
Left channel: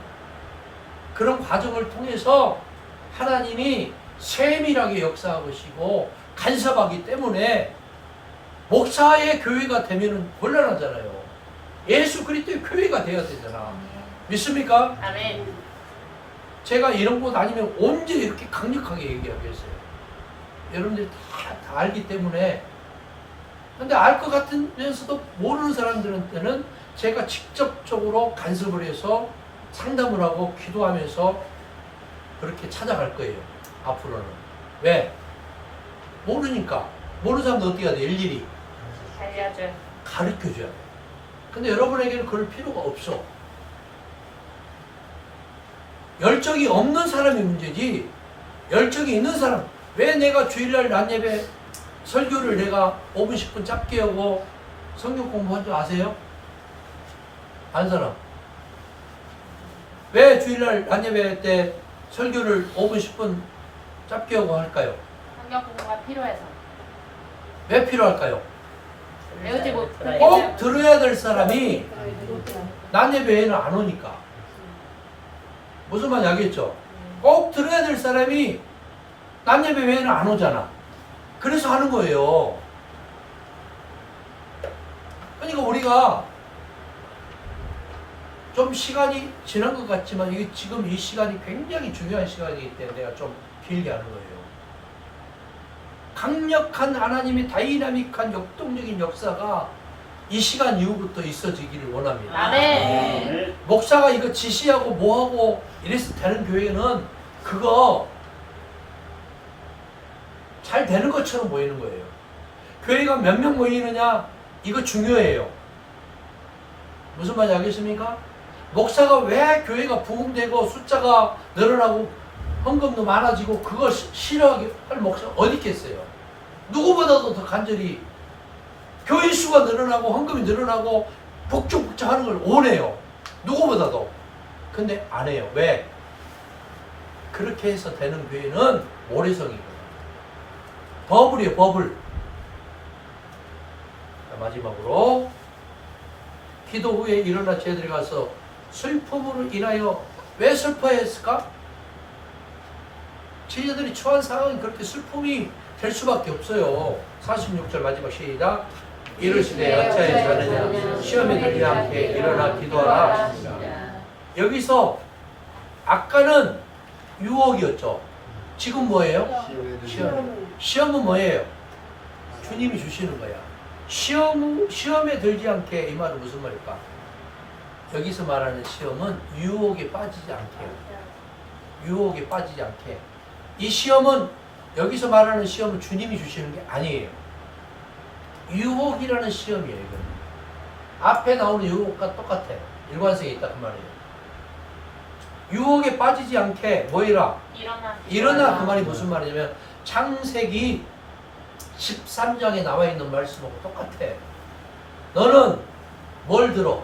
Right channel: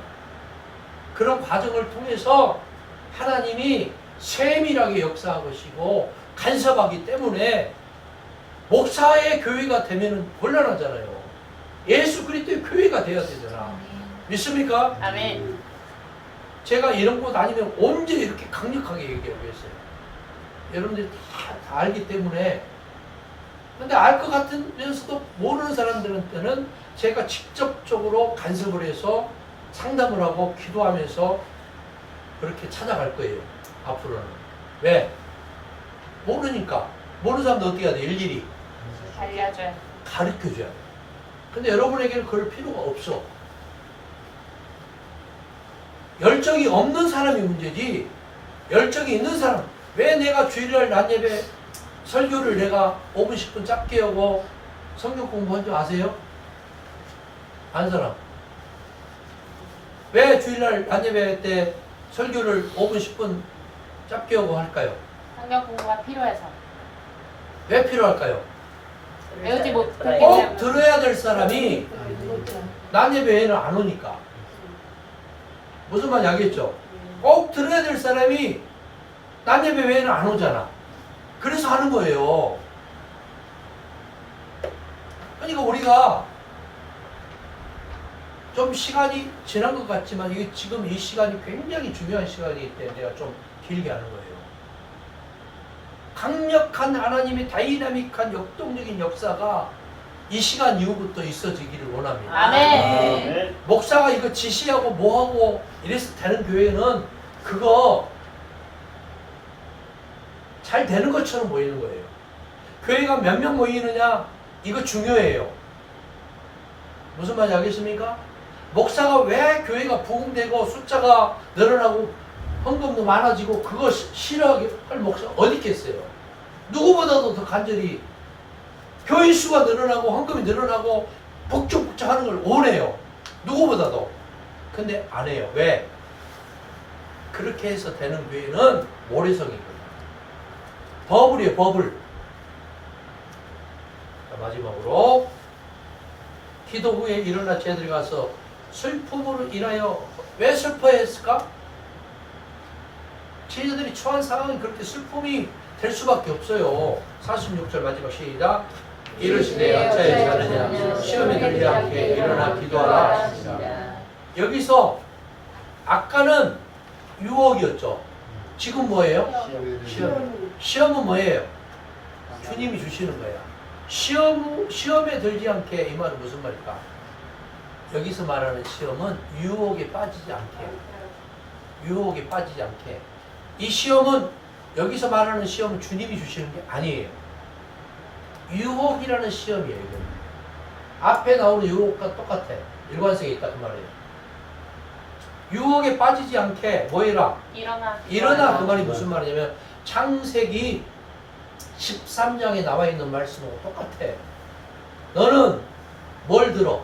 그런 과정을 통해서 하나님이 세밀하게 역사하시고 간섭하기 때문에 목사의 교회가 되면은 곤란하잖아요. 예수 그리스도의 교회가 돼야 되잖아. 믿습니까? 아멘. 제가 이런 곳 아니면 언제 이렇게 강력하게 얘기하겠어요? 여러분들이 다 알기 때문에. 근데 알 것 같으면서도 모르는 사람들한테는 제가 직접적으로 간섭을 해서 상담을 하고 기도하면서 그렇게 찾아갈 거예요. 앞으로는. 왜? 모르니까. 모르는 사람도 어떻게 해야 돼? 일일이 알려줘요. 가르쳐줘야 돼. 근데 여러분에게는 그럴 필요가 없어. 열정이 없는 사람이 문제지, 열정이 있는 사람. 왜 내가 주일날 낮 예배 설교를 내가 5분 10분 짧게 하고 성경 공부한 줄 아세요? 아는 사람? 왜 주일날 낮 예배 때 설교를 5분 10분 짧게 하고 할까요? 성경 공부가 필요해서. 왜 필요할까요? 배우지 못. 꼭 들어야 될 사람이 낮 예배에는 안 오니까. 무슨 말인지 알겠죠? 꼭 들어야 될 사람이 낮 예배 외에는 안 오잖아. 그래서 하는 거예요. 그러니까 우리가 좀 시간이 지난 것 같지만 이게 지금 이 시간이 굉장히 중요한 시간이기 때문에 내가 좀 길게 하는 거예요. 강력한 하나님의 다이나믹한 역동적인 역사가 이 시간 이후부터 있어지기를 원합니다. 아멘. 목사가 이거 지시하고 뭐하고 이래서 되는 교회는 그거 잘 되는 것처럼 보이는 거예요. 교회가 몇 명 모이느냐 이거 중요해요. 무슨 말인지 알겠습니까? 목사가 왜 교회가 부흥되고 숫자가 늘어나고 헌금도 많아지고 그걸 싫어하게 할 목사가 어디 있겠어요? 누구보다도 더 간절히 교회 수가 늘어나고 헌금이 늘어나고 북적북적하는 걸 원해요. 누구보다도. 근데 안 해요. 왜? 그렇게 해서 되는 교회는 모래성이거든요. 버블이에요. 버블. 자, 마지막으로 기도 후에 일어나 저희들이 가서 슬픔으로 인하여 왜 슬퍼했을까? 저희들이 처한 상황이 그렇게 슬픔이 될 수밖에 없어요. 46절 마지막 시작. 이르시되 어찌하여 자느냐 시험에 들지 않게 일어나 기도하라 하십니다. 여기서 아까는 유혹이었죠. 지금 뭐예요? 시험에 시험. 시험은 뭐예요? 주님이 주시는 거야. 시험에 들지 않게 이 말은 무슨 말일까? 여기서 말하는 시험은 유혹에 빠지지 않게요. 유혹에 빠지지 않게. 이 시험은 여기서 말하는 시험은 주님이 주시는 게 아니에요. 유혹이라는 시험이에요. 이건. 앞에 나오는 유혹과 똑같아. 일관성이 있다 그 말이에요. 유혹에 빠지지 않게 뭐 해라? 일어나 그 말이 무슨 말이냐면 창세기 13장에 나와 있는 말씀하고 똑같아. 너는 뭘 들어?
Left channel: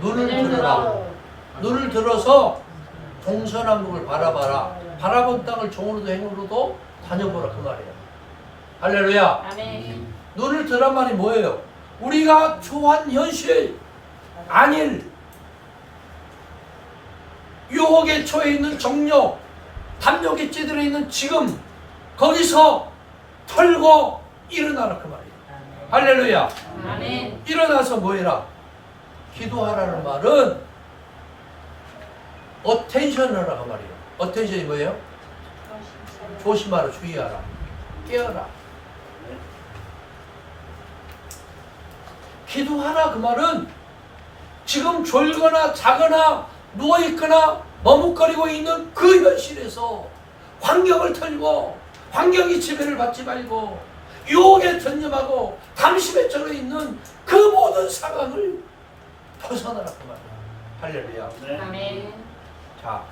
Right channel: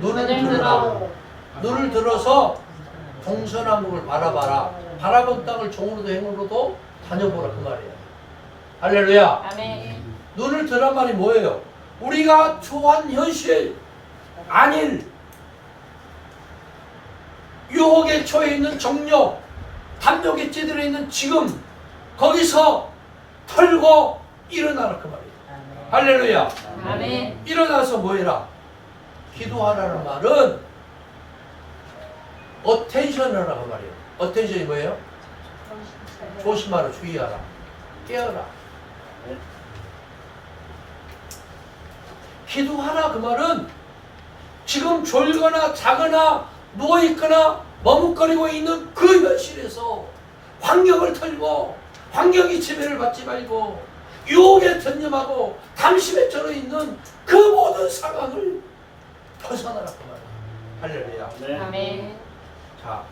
눈을 들어라. 눈을 들어서 동서남북을 바라봐라. 바라본 땅을 종으로도 행으로도 다녀보라 그 말이야. 할렐루야. 아멘. 눈을 들란 말이 뭐예요? 우리가 좋아한 현실, 안일, 유혹에 처해 있는 정력, 담력에 찌들어 있는 지금 거기서 털고 일어나라 그 말이에요. 할렐루야. 아멘. 일어나서 뭐해라? 기도하라는 말은 어텐션하라 그 말이에요. 어텐션이 뭐예요? 조심하라, 주의하라, 깨어라. 기도하라 그 말은 지금 졸거나 자거나 누워있거나 머뭇거리고 있는 그 현실에서 환경을 털고 환경이 지배를 받지 말고 유혹에 전념하고 감심에 쩔어 있는 그 모든 상황을 벗어나라 그 말이에요. 할렐루야. 아멘. 자,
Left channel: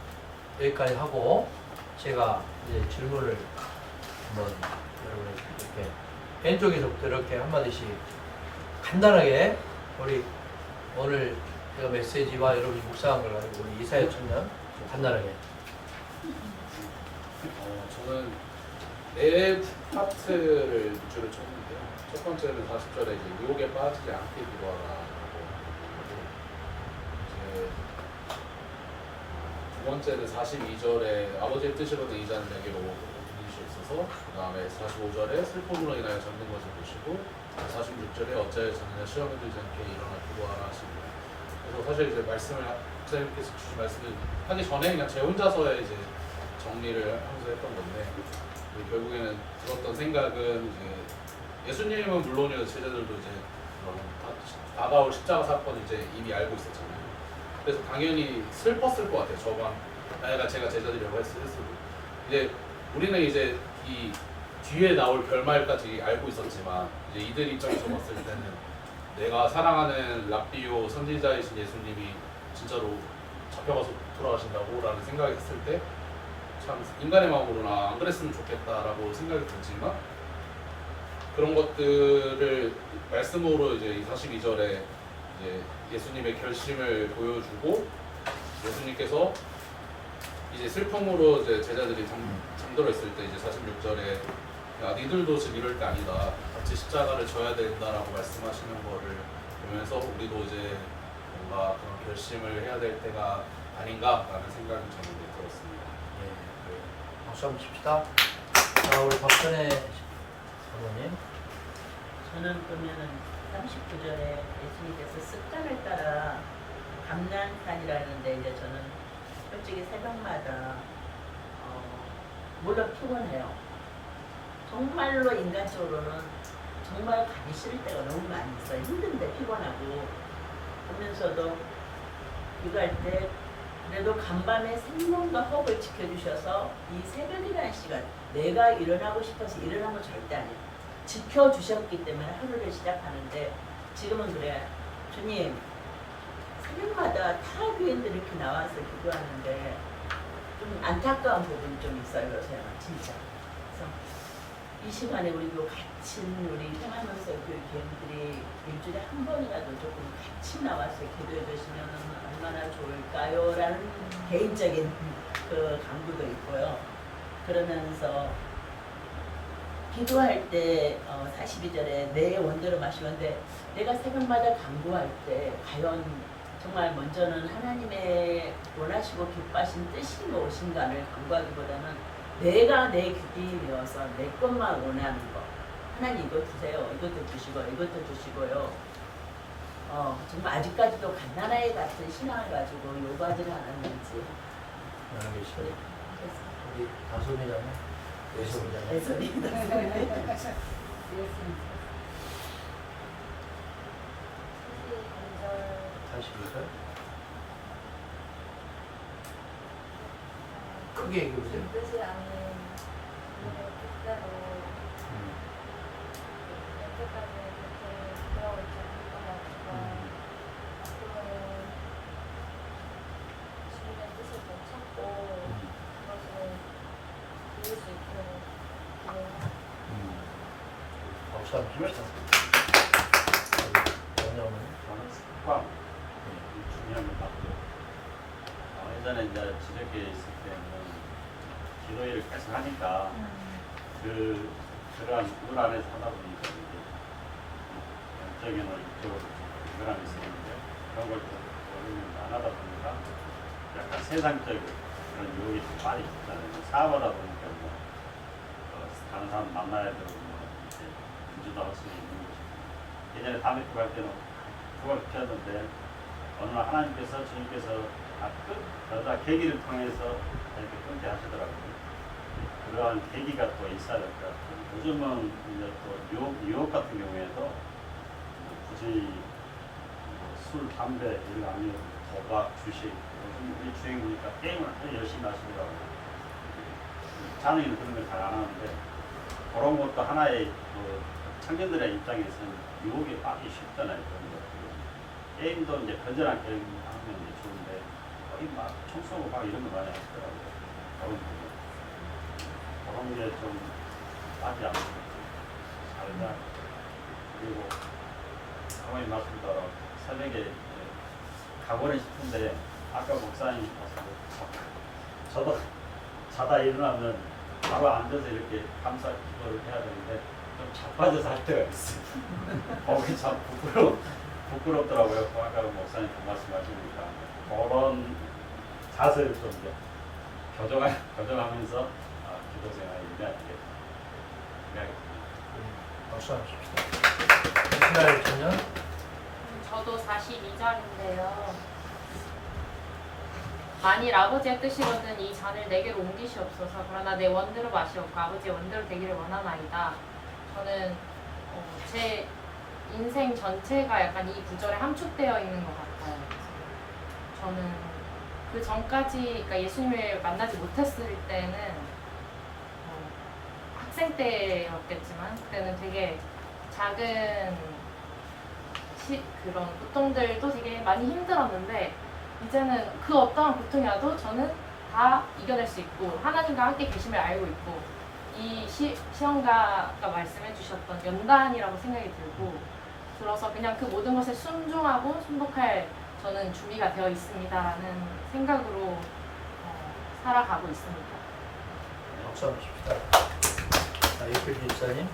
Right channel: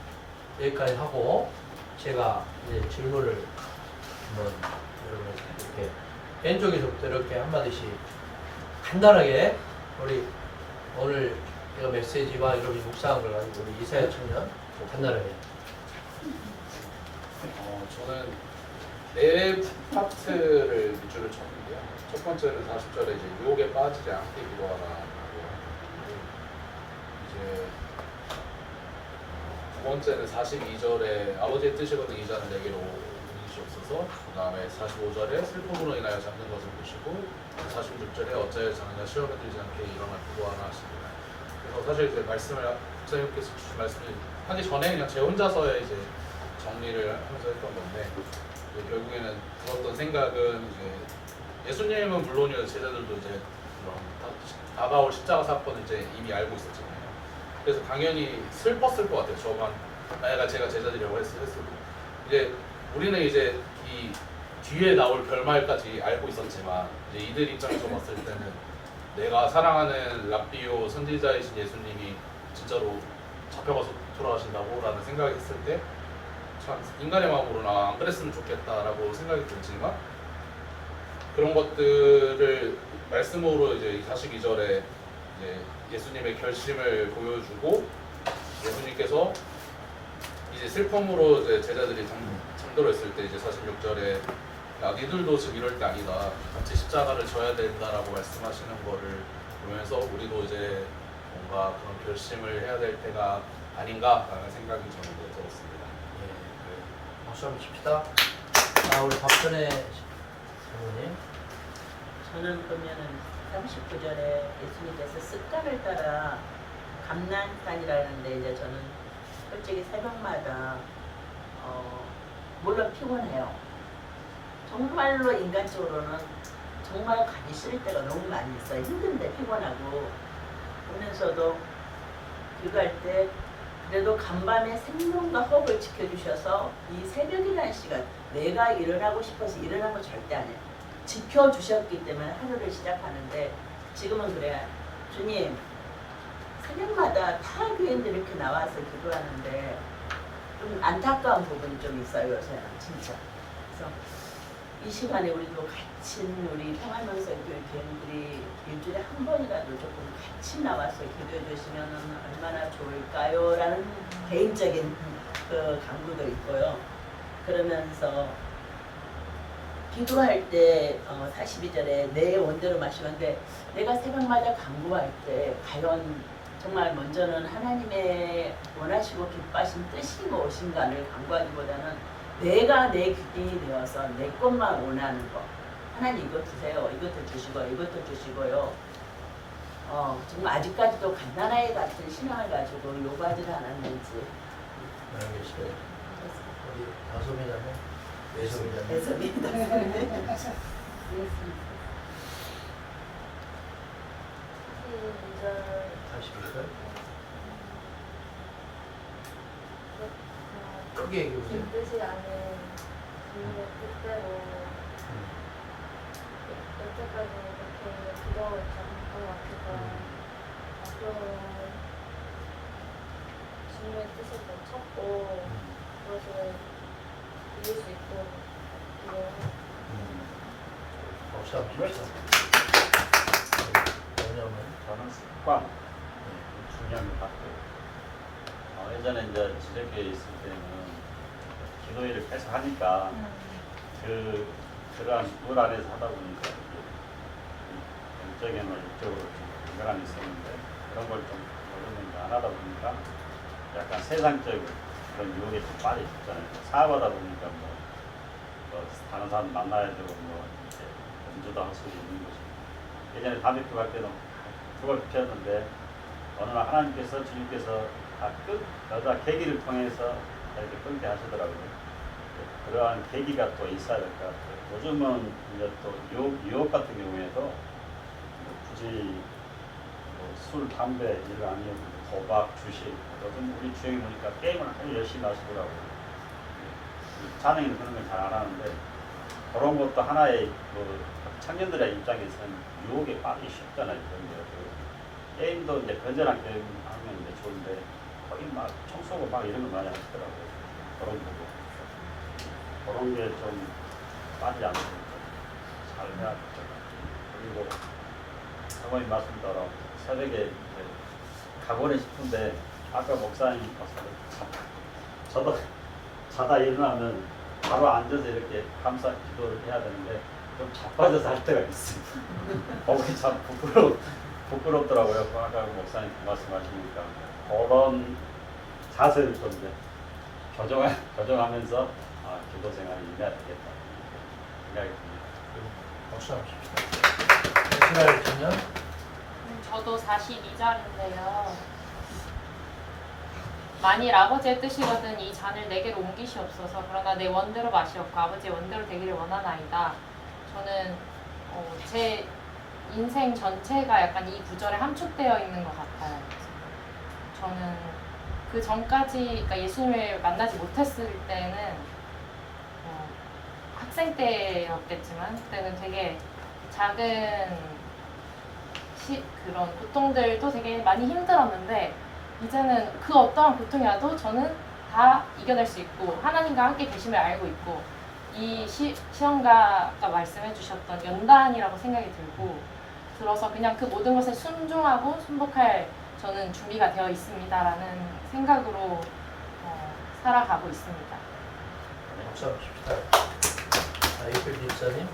여기까지 하고 제가 이제 질문을 한번 여러분에게 이렇게 왼쪽에서부터 이렇게 한마디씩 간단하게 우리 오늘 제가 메시지와 여러분이 묵상한 걸 가지고 우리 이사야 청년 좀 간단하게. 저는 네 파트를 위주로 쳤는데요. 첫 번째는 40절에 이제 유혹에 빠지지 않게 기도하라라고 하고, 이제 두 번째는 42절에 아버지의 뜻이거든 이 잔을 내게로 옮기시옵소서. 그 다음에 45절에 슬픔으로 인하여 잠든 것을 보시고, 46절에 어찌하여 자느냐 시험에 들지 않게 일어나 기도하라 하시니라. 그래서 사실 이제 말씀을 목사님께서 주신 말씀을 하기 전에 그냥 제 혼자서의 이제 정리를 하면서 했던 건데, 결국에는 들었던 생각은 이제 예수님은 물론이고 제자들도 이제 그런 다가올 십자가 사건을 이제 이미 알고 있었잖아요. 그래서 당연히 슬펐을 것 같아요. 저만 만약 제가 제자들이라고 했어도 이제 우리는 이제 이 뒤에 나올 결말까지 알고 있었지만 이제 이들 입장에서 봤을 때는 내가 사랑하는 랍비오 선지자이신 예수님이 진짜로 잡혀가서 돌아가신다고 라는 생각이 했을 때 참 인간의 마음으로나 안 그랬으면 좋겠다라고 생각이 들지만, 그런 것들을 말씀으로 이제 42절에 이제 예수님의 결심을 보여주고, 예수님께서 이제 슬픔으로 이제 제자들이 잠들어 있을 때 이제 46절에 야 니들도 지금 이럴 때 아니다, 같이 십자가를 져야 된다라고 말씀하시는 거를 보면서 우리도 이제 뭔가 그런 결심을 해야 될 때가 아닌가라는 생각이 저는 들었습니다. 예, 박수 한번 칩시다. 자, 우리 박선혜 사모님. 저는 보면은 39절에 예수님께서 습관을 따라 감난산이라는데, 이제 저는 솔직히 새벽마다 물론 피곤해요. 정말로 인간적으로는 정말 가기 싫을 때가 너무 많이 있어요. 힘든데 피곤하고. 그러면서도 기도할 때 그래도 간밤에 생명과 호흡을 지켜주셔서 이 새벽이라는 시간, 내가 일어나고 싶어서 일어난 거 절대 아니에요. 지켜주셨기 때문에 하루를 시작하는데, 지금은 그래요. 주님, 새벽마다 타 교인들이 이렇게 나와서 기도하는데 좀 안타까운 부분이 좀 있어요, 요새는 진짜. 그래서 이 시간에 우리도 갇힌 우리 평안명서 교인들이 일주일에 한 번이라도 조금 같이 나와서 기도해 주시면 얼마나 좋을까요? 라는 개인적인 그 강구도 있고요. 그러면서 기도할 때 42절에 내 원대로 마시는데, 내가 새벽마다 간구할 때 과연 정말 먼저는 하나님의 원하시고 기뻐하신 뜻이 무엇인가를 간구하기보다는 내가 내 귀이 되어서 내 것만 원하는 것, 하나님 이것 주세요, 이것도 주시고요, 이것도 주시고요. 정말 아직까지도 갓난아이 같은 신앙을 가지고 요구하지를 않았는지. 많은 게 있어요. 우리 다솜이라며? 예솜이라며? 애선이다. 다시 볼까요? 크게 얘기해보세요. 뜻이 아닌 우리의 뜻대로 여태까지 이렇게 기도하고 있지 않았던 것 같아서 앞으로는 주님의 뜻을 좀 찾고 그것을 이룰 수 있도록 기도하고 박수 한번 칩시다. 왜냐면 저는 습관 이 중요한 것 같아요. 예전에 이제 지적교회 있을 때는 기도회를 계속 하니까 그러한 룰 안에서 하다 보니까 영적인 이쪽으로 좀 연결함이 있었는데 그런 걸 좀 오래는 안 하다 보니까 약간 세상적인 그런 유혹에 좀 빠져있잖아요. 사업하다 보니까 다른 사람 만나야 되고 이제 연주도 할 수 있는 거죠. 예전에 담배 피고 할 때는 그걸 피웠는데 어느 날 하나님께서 주님께서 여자 계기를 통해서 이렇게 끊게 하시더라고요. 그러한 계기가 또 있어야 될 것 같아요. 요즘은 이제 또 유혹 같은 경우에도 굳이 술, 담배 이런 거 아니고 도박, 주식 요즘 우리 주행에 보니까 게임을 아주 열심히 하시더라고요. 자녀는 그런 걸 잘 안 하는데 그런 것도 하나의 청년들의 입장에서는 유혹에 빠지기 쉽잖아요. 게임도 이제 건전한 게임 하면 이제 좋은데 거의 막 총 쏘고 막 이런 거 많이 하시더라고요. 그런 부분. 그런 게 좀 빠지지 않고 잘 해야 그리고 사모님 말씀대로 새벽에 가고는 싶은데 아까 목사님 저도 자다 일어나면 바로 앉아서 이렇게 감사 기도를 해야 되는데 좀 자빠져서 할 때가 있어요. 거기 참 부끄럽더라고요. 아까 목사님 그 말씀하시니까 그런 자세를 좀 이제 교정하면서 기도 생활을 임해야 되겠다 생각이 듭니다. 박수 한번 칩시다. 이스라엘 청년? 저도 42장인데요. 만일 아버지의 뜻이거든 이 잔을 내게로 옮기시옵소서. 그러나 내 원대로 마시옵고 아버지의 원대로 되기를 원하나이다. 저는 제 인생 전체가 약간 이 구절에 함축되어 있는 것 같아요. 저는 그 전까지 그러니까 예수님을 만나지 못했을 때는 학생 때였겠지만 그때는 되게 작은 그런 고통들도 되게 많이 힘들었는데 이제는 그 어떠한 고통이 와도 저는 다 이겨낼 수 있고 하나님과 함께 계심을 알고 있고 이 시험가 아까 말씀해 주셨던 연단이라고 생각이 들어서 그냥 그 모든 것에 순종하고 순복할 저는 준비가 되어 있습니다라는 생각으로 살아가고 있습니다. 박수 한번 칩시다. 이필 집사님?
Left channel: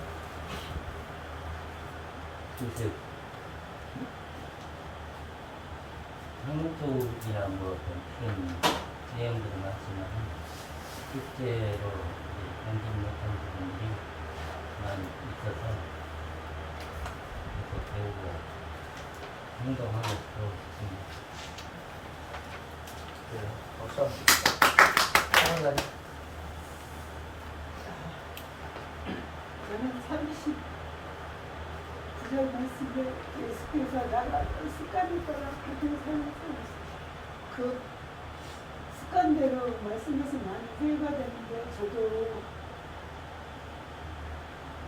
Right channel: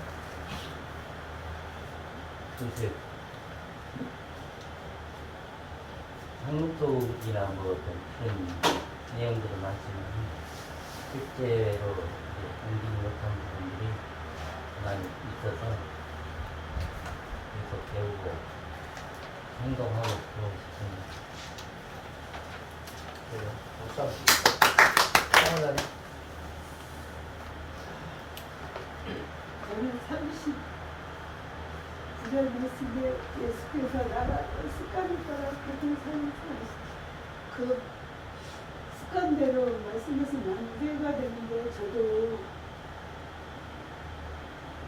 글쎄, 한국이나 어떤 그런 내용들은 많지만 실제로 공부를 못한 부분들이 많이 있어서 계속 배우고 행동하고 싶습니다. 그래요. 박수 한번 칩시다. 하나님? 저는 39절 말씀에 예수께서 나라고 습관을 따라 같은 삶을 살았어요. 그 습관대로 말씀에서 많이 회가 되는데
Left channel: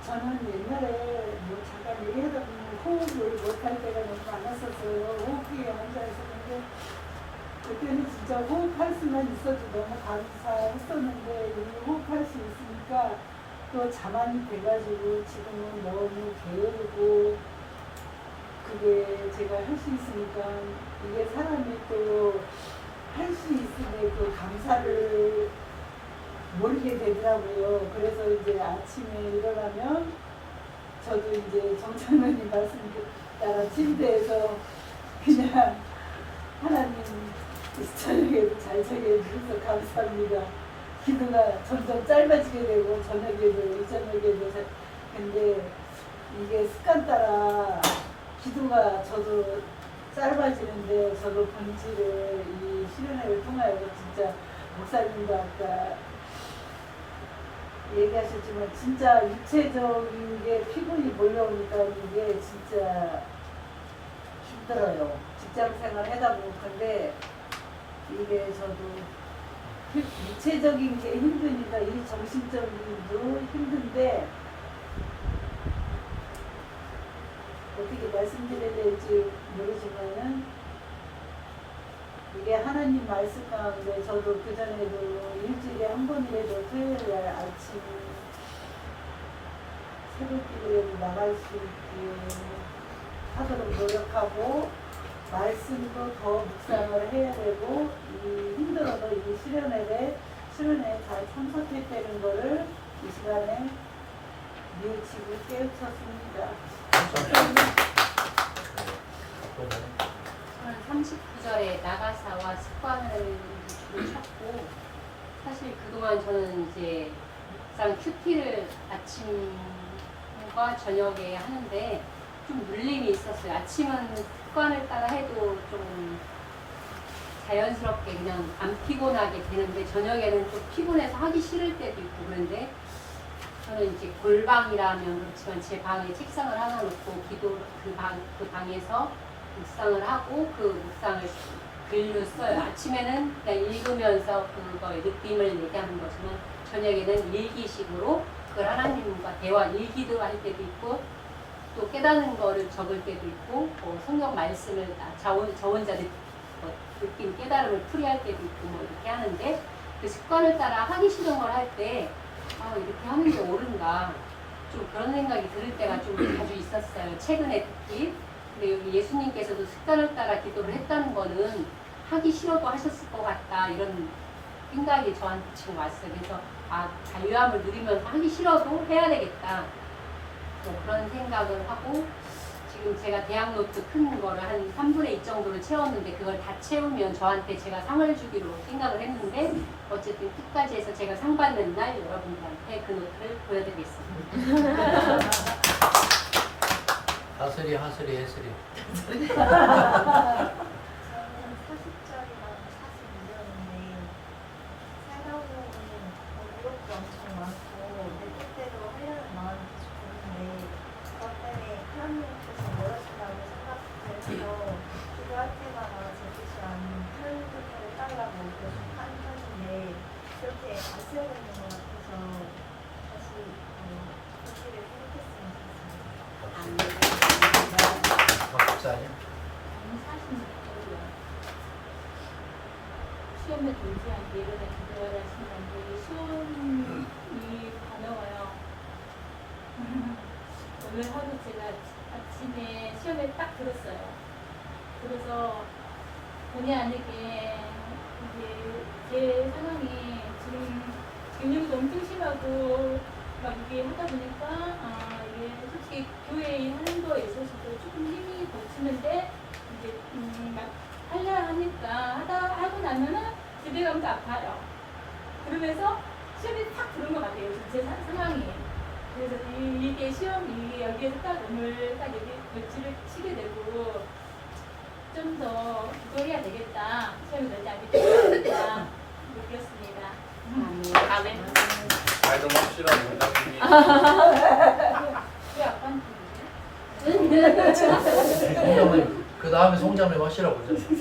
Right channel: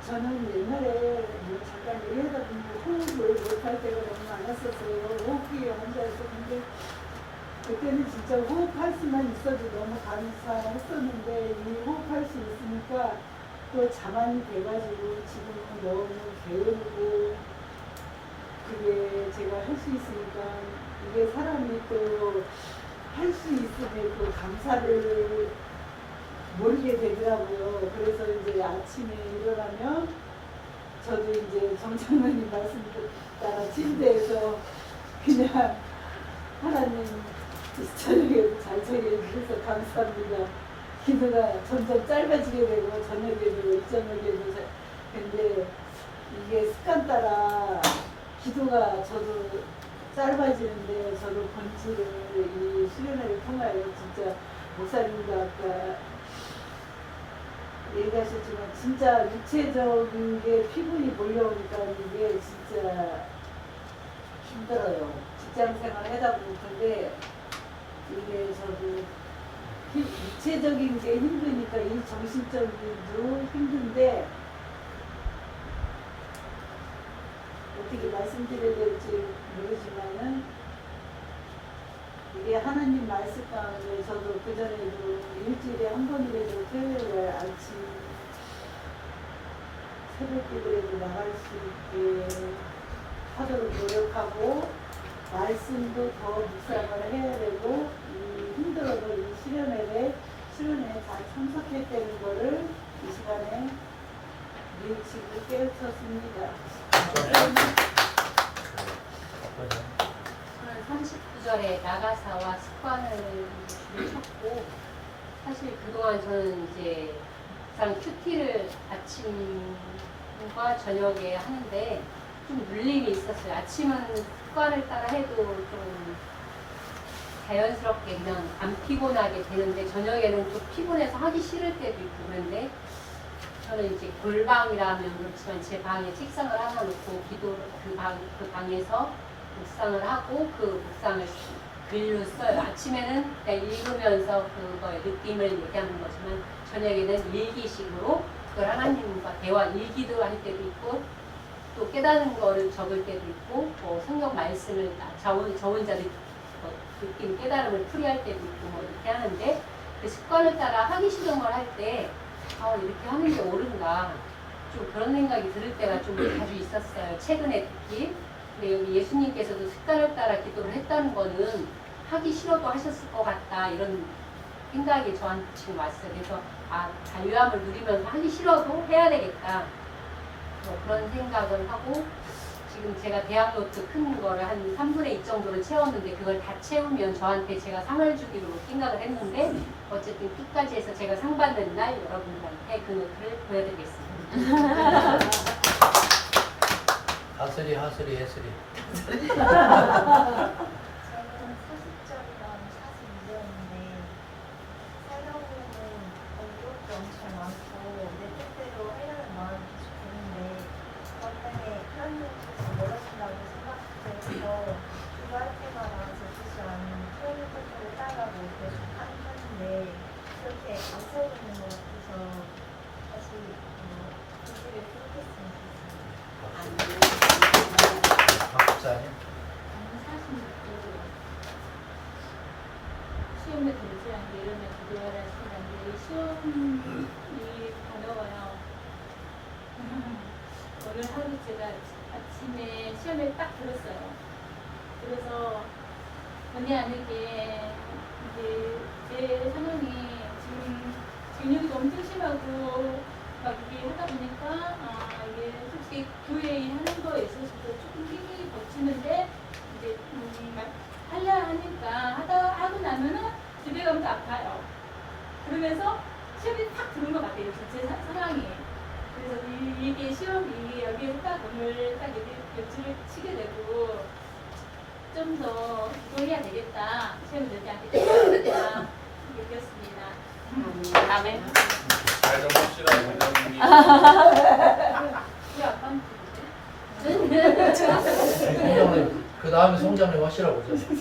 저는 옛날에 잠깐 얘기하다 보면 호흡을 못할 때가 너무 많았었어요. 호흡기에 앉아있었는데 그때는 진짜 호흡할 수만 있어도 너무 감사했었는데 이 호흡할 수 있으니까 또 자만이 돼가지고 지금은 너무 게으르고 그게 제가 할 수 있으니까 이게 사람이 또 할 수 있음에 그 감사를 모르게 되더라고요. 그래서 이제 아침에 일어나면 저도 이제 정장로님 말씀 따라 침대에서 그냥 하나님 저녁에 잘 저녁에 주셔서 감사합니다. 기도가 점점 짧아지게 되고 저녁에도 이 저녁에도 근데 이게 습관 따라 기도가 저도 짧아지는데 저도 본질을 이 수련회를 통하여 진짜 목사님도 아까 얘기하셨지만 진짜 육체적인 게 피곤이 몰려오니까 이게 진짜 힘들어요. 직장 생활 하다 보니까 이게 저도 육체적인 게 힘드니까 이 정신적인도 힘든데 어떻게 말씀드려야 될지 모르지만은 이게 하나님 말씀 가운데 저도 그전에도 일주일에 한 번이라도 토요일날 아침 새벽기도에도 나갈 수 있게 하도록 노력하고 말씀도 더 묵상을 해야 되고 이 힘들어도 이 수련회에 잘 참석했다는 거를 이 시간에 밀치고 깨우쳤습니다. 저는 39절에 나가사와 습관을 들으셨고 사실 그동안 저는 이제 묵상 큐티를 아침과 저녁에 하는데 좀 눌림이 있었어요. 아침은 습관을 따라 해도 좀 자연스럽게 그냥 안 피곤하게 되는데 저녁에는 좀 피곤해서 하기 싫을 때도 있고 그런데 저는 이제 골방이라면 그렇지만 제 방에 책상을 하나 놓고 그 방에서 묵상을 하고 그 묵상을 글로 써요. 아침에는 그냥 읽으면서 그거의 느낌을 얘기하는 거지만 저녁에는 일기식으로 그걸 하나님과 대화 일기도 할 때도 있고 또 깨닫는 거를 적을 때도 있고 뭐 성경 말씀을 저 혼자 느낀 깨달음을 풀이할 때도 있고 뭐 이렇게 하는데 그 습관을 따라 하기 싫은 걸 할 때 이렇게 하는 게 옳은가 좀 그런 생각이 들을 때가 좀 자주 있었어요. 최근에 특히. 근데 여기 예수님께서도 습관을 따라 기도를 했다는 거는 하기 싫어도 하셨을 것 같다 이런 생각이 저한테 지금 왔어요. 그래서 자유함을 누리면서 하기 싫어도 해야 되겠다 뭐 그런 생각을 하고 지금 제가 대학 노트 큰 거를 한 3분의 2 정도를 채웠는데 그걸 다 채우면 저한테 제가 상을 주기로 생각을 했는데 어쨌든 끝까지 해서 제가 상 받는 날 여러분들한테 그 노트를 보여드리겠습니다. 하슬이 예슬이. 저희는 소수절이랑 42절인데 살다 보면은 이것도 엄청 많고 내 뜻대로 하려는 마음이 계속 드는데 그것 때문에 하나님께서 멀어진다고 생각해서 기도할 때마다 제 뜻이 아닌 하나님 뜻대로 따르라고 계속 하는 편인데 그렇게 아차야 되는 것 같아서 다시 뜻을 생각했으면 좋겠습니다. 박사님. 46개월이요. 시험에 등수한 게 이런 데 기도해야 하시는데 시험이 어려워요. 오늘 하루 제가 아침에 시험에 딱 들었어요. 그래서 본의 아니게 이제 제 상황이 지금 근육이 엄청 심하고 막 이게 하다 보니까 이게 솔직히 교회 일하는 거에 있어서도 조금 힘이 거치는데 이제 하려 하니까 하고 나면은 집에 가면 아파요. 그러면서 시험이 딱 들은 것 같아요. 제 상황이. 그래서 이게 시험이 여기에서 딱 오늘 딱 여기 벽지를 치게 되고 좀 더 기도해야 되겠다. 시험이 되지 않게 기도해야 되겠다. 느꼈습니다. 아멘. 잘좀 합시다, 원장님이. 제 아빠는 송장님 그 다음에 송장님 하시라고 그러잖아요.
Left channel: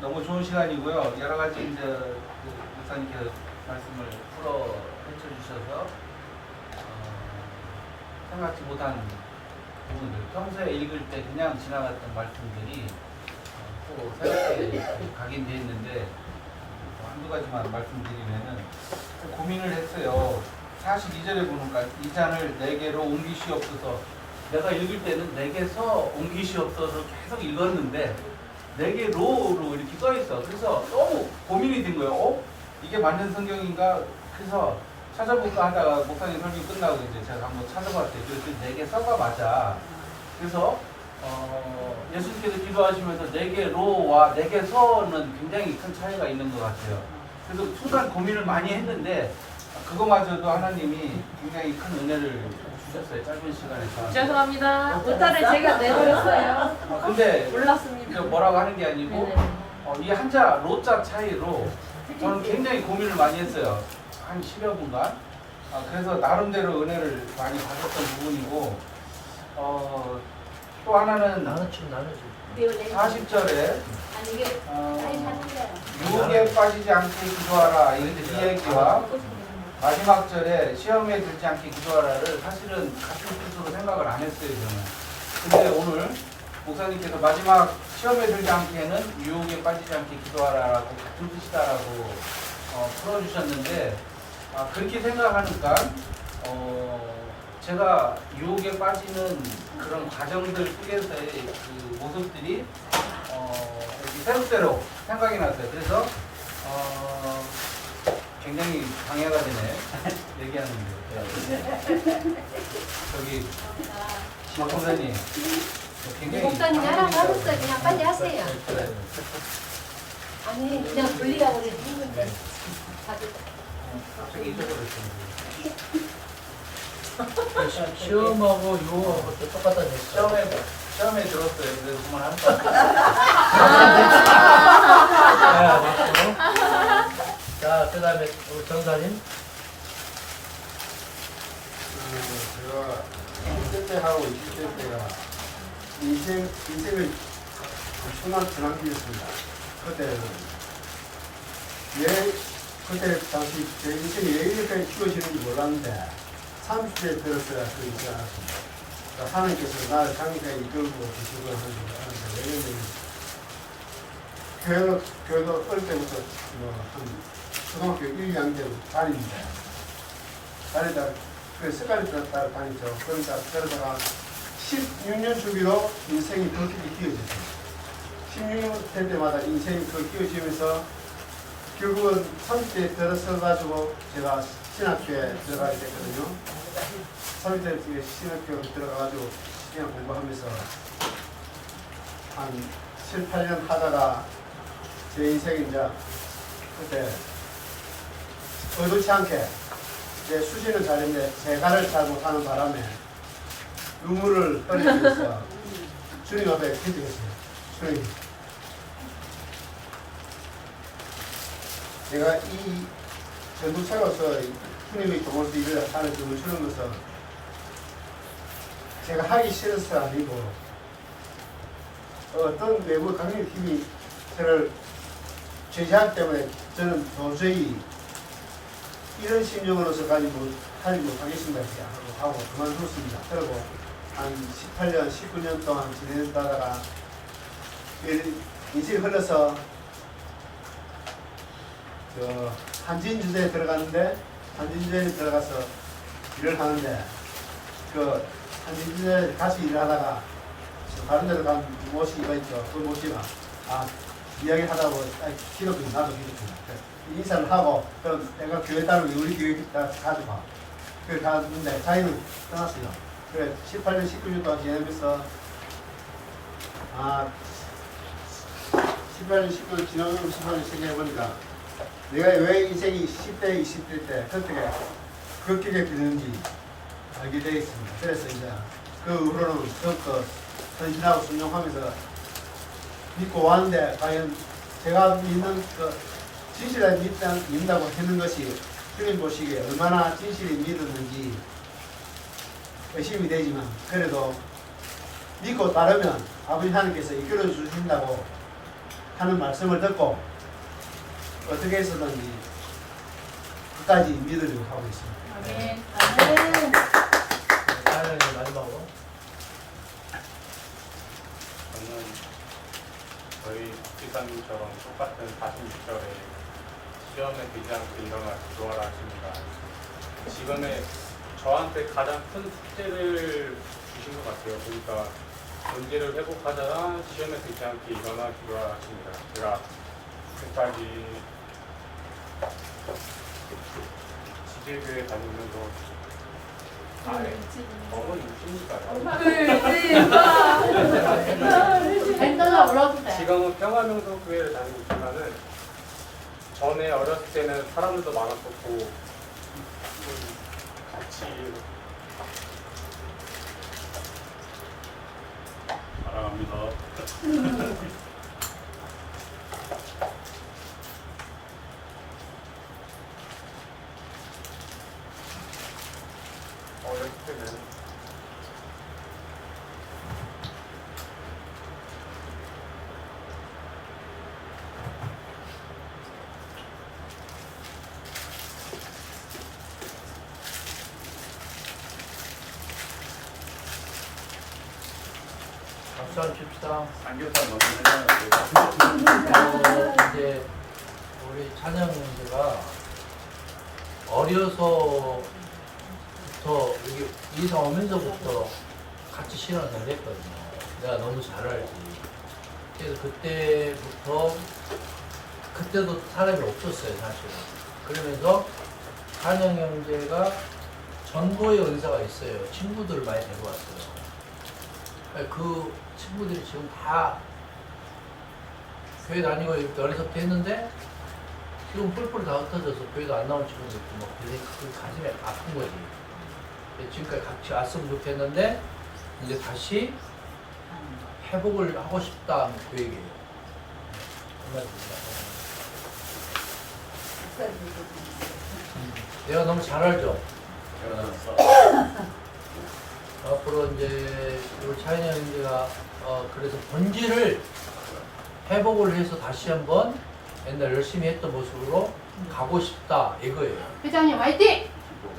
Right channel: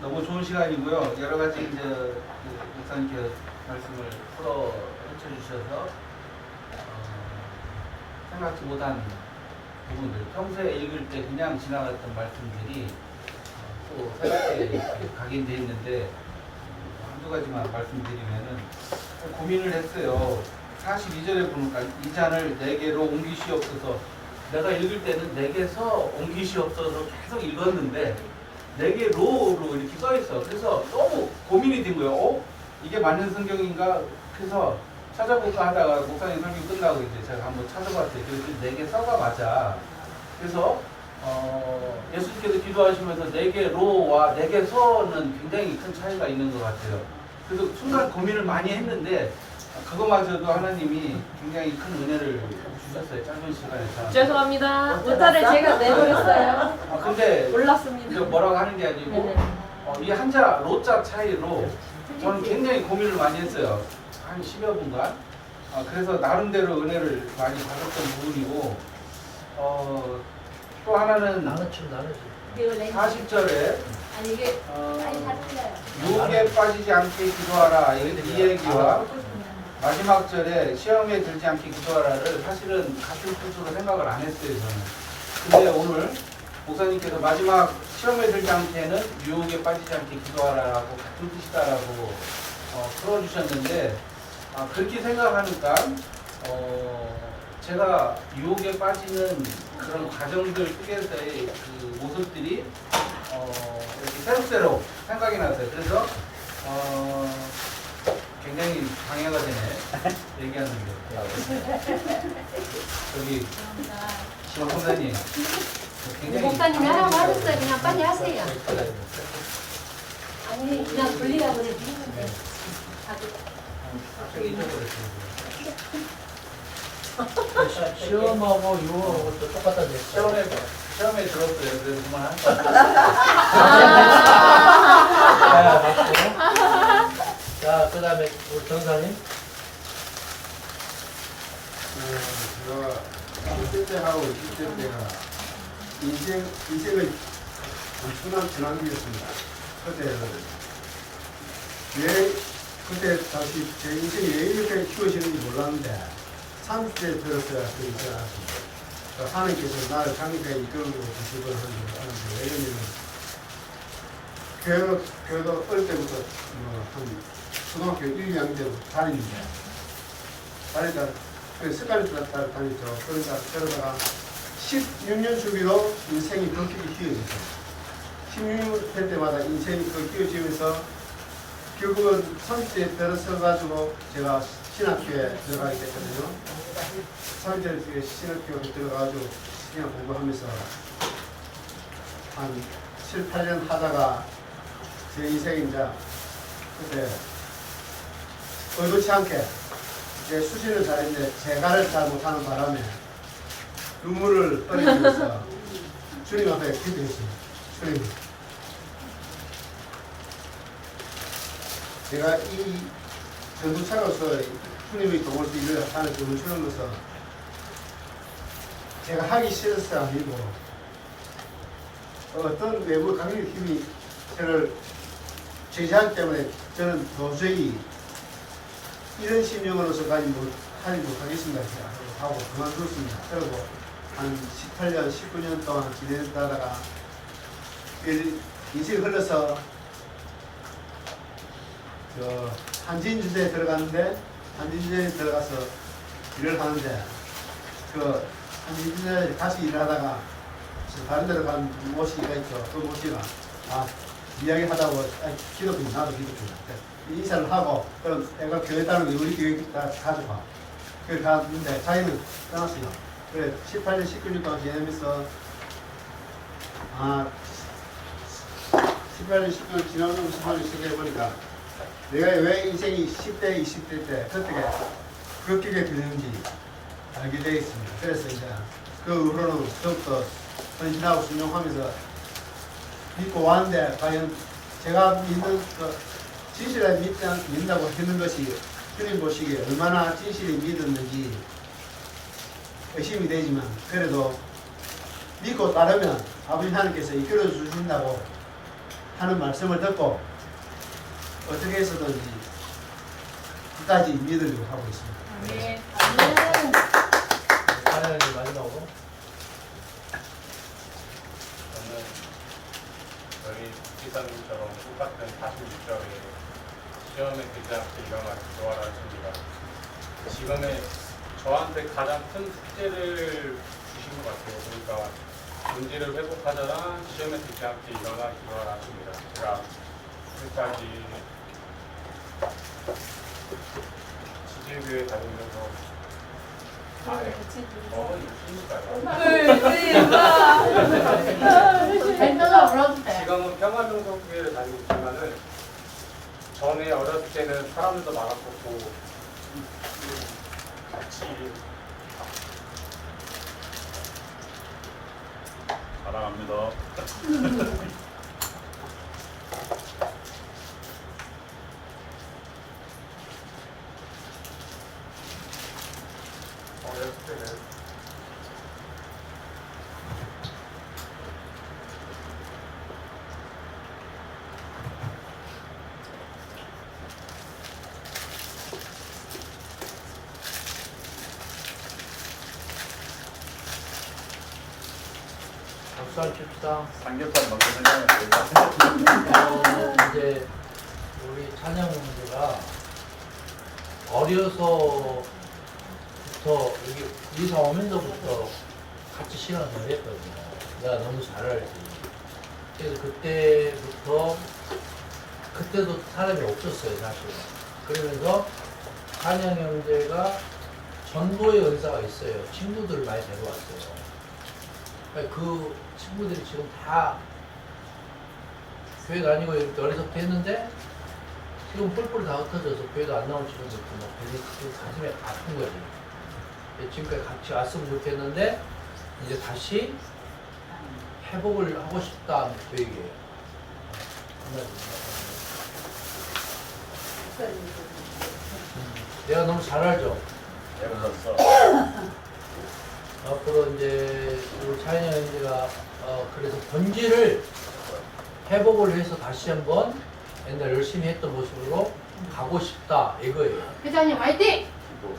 너무 좋은 시간이고요. 여러 가지 이제 목사님께서 말씀을 풀어 해주셔서 생각지 못한 부분들, 평소에 읽을 때 그냥 지나갔던 말씀들이 또 새롭게 각인되어 있는데 한두 가지만 말씀드리면은 고민을 했어요. 42절에 보니까 이 잔을 내게로 옮기시옵소서. 내가 읽을 때는 내게서 옮기시옵소서 계속 읽었는데 내게로로 이렇게 써 있어. 그래서 너무 고민이 된 거예요. 이게 맞는 성경인가? 그래서 찾아볼까 하다가 목사님 설교 끝나고 이제 제가 한번 찾아봤어요. 그래서 내게서가 맞아. 그래서 예수님께서 기도하시면서 내게로와 내게서는 굉장히 큰 차이가 있는 것 같아요. 그래서 순간 고민을 많이 했는데 그거마저도 하나님이 굉장히 큰 은혜를 주셨어요. 짧은 시간에서. 죄송합니다. 오타를 제가 내버렸어요. 근데 몰랐습니다. 뭐라고 하는 게 아니고 네네. 이 한자 로자 차이로 저는 굉장히 고민을 많이 했어요. 한 10여 분간. 그래서 나름대로 은혜를 많이 받았던 부분이고 또 하나는 나누지. 40절에 아니 이게 유혹에 빠지지 않게 기도하라 이 얘기와 마지막 절에 시험에 들지 않게 기도하라를 사실은 같은 뜻으로 생각을 안 했어요 저는. 근데 오늘 목사님께서 마지막 시험에 들지 않게는 유혹에 빠지지 않게 기도하라고 같은 뜻이다라고 풀어주셨는데 그렇게 생각하니까 제가 유혹에 빠지는 그런 가정들 속에서의 그 모습들이 이렇게 새록새록 생각이 났어요. 그래서 굉장히 방해가 되네 얘기하는데 저기 신학부모님 굉장히 목사님 하라고 하셨어요. 그냥 빨리 하세요. 아니 그냥 돌리라고 그래. 네. 시험하고 유혹하고 또 똑같다는 얘기죠. 시험에 들었어요. 그래서 그만 자, 박수. 자, 그 다음에 우리 전사님. 제가 10대 때하고 20대 때가 인생을 엄청난 전환기였습니다. 그때 당시 제 인생이 왜 이렇게 키워지는지 몰랐는데 30대에 들었어야 그러지 않았습니다. 하나님께서 나를 장기까지 이끌고 계시고 하는데 왜냐면 교회도 어릴 때부터 한 초등학교 1, 2학년 때부터 다니다 습관이 따라 다녔죠. 그러다가 16년 주기로 인생이 그렇게 키워졌어요. 16년 될 때마다 인생이 그렇게 키워지면서 결국은 30대에 들어서가지고 제가 신학교에 들어가게 됐거든요. 30대에 신학교에 들어가가지고 신학 공부하면서 한 7, 8년 하다가 제 인생이 이제 그때 의도치 않게 내 수시를 잘했는데 재간을 잘 못하는 바람에 눈물을 흘리면서 주님 앞에 기도했어요. 주님, 제가 이 전도차로서 주님의 도움을 일을 하는 돈을 주는 것은 제가 하기 싫어서 아니고 어떤 외부 강력 힘이 저를 제재하기 때문에 저는 도저히 이런 심령으로서까지 하지 못하겠습니다. 하고 그만뒀습니다. 그리고 한 18년, 19년 동안 지내다가 인생이 흘러서 한진주제에 들어갔는데 한진주제에 들어가서 일을 하는데 그 한진주제에 다시 일을 하다가 다른 데로 간 모씨가 있죠. 그 모씨가 이야기하다고 기독교 나도 기독교 인사를 하고 그럼 내가 교회 따르는 우리 교회 가져가 그래 갔는데 자기는 떠났어요. 그래 18년 19년 동안 지내면서 18년 19년 지나고 18년 생각해보니까 내가 왜 인생이 10대 20대 때 어떻게 그렇게 되는지 알게 되겠습니다. 그래서 이제 그 후로는 더욱더 헌신하고 순종하면서 믿고 왔는데 과연 제가 믿는 진실을 믿는다고 하는 것이 주님 보시기에 얼마나 진실이 믿었는지 의심이 되지만 그래도 믿고 따르면 아버지 하나님께서 이끌어 주신다고 하는 말씀을 듣고 어떻게 해서든지 끝까지 믿으려고 하고 있습니다. 네. 하나님 마지막으로. 저는 저희 지사님처럼 똑같은 46절에 시험에 들지 않게 일어나 기도하라 하십니다. 지금의 저한테 가장 큰 숙제를 주신 것 같아요. 그러니까 문제를 회복하다가 시험에 들지 않게 일어나 기도하라 하십니다. 제가 지금까지 지질교회 다니면서 어머니 있으니까요. 지금은 평화명성교회를 다니고 있지만은 전에 어렸을 때는 사람들도 많았었고 같이 사랑합니다. 박수 한 칩시다. 삼겹살 먹으면 이제 우리 찬영 형제가 어려서부터 여기 이사 오면서부터 같이 신앙을 했거든요. 내가 너무 잘 알지. 그래서 그때도 사람이 없었어요, 사실은. 그러면서 찬영 형제가 전도의 은사가 있어요. 친구들을 많이 데려왔어요. 그 친구들이 지금 다 교회 다니고 이렇게 어리석게 했는데 지금 뿔뿔이 다 흩어져서 교회도 안 나온 친구들 있고 막 되게 그 가슴에 아픈 거지. 지금까지 같이 왔으면 좋겠는데 이제 다시 회복을 하고 싶다는 그 얘기예요. 내가 너무 잘 알죠? 앞으로 이제 우리 차이나 형제가 그래서 본질을 회복을 해서 다시 한번 옛날 열심히 했던 모습으로 가고 싶다 이거예요. 회장님 화이팅!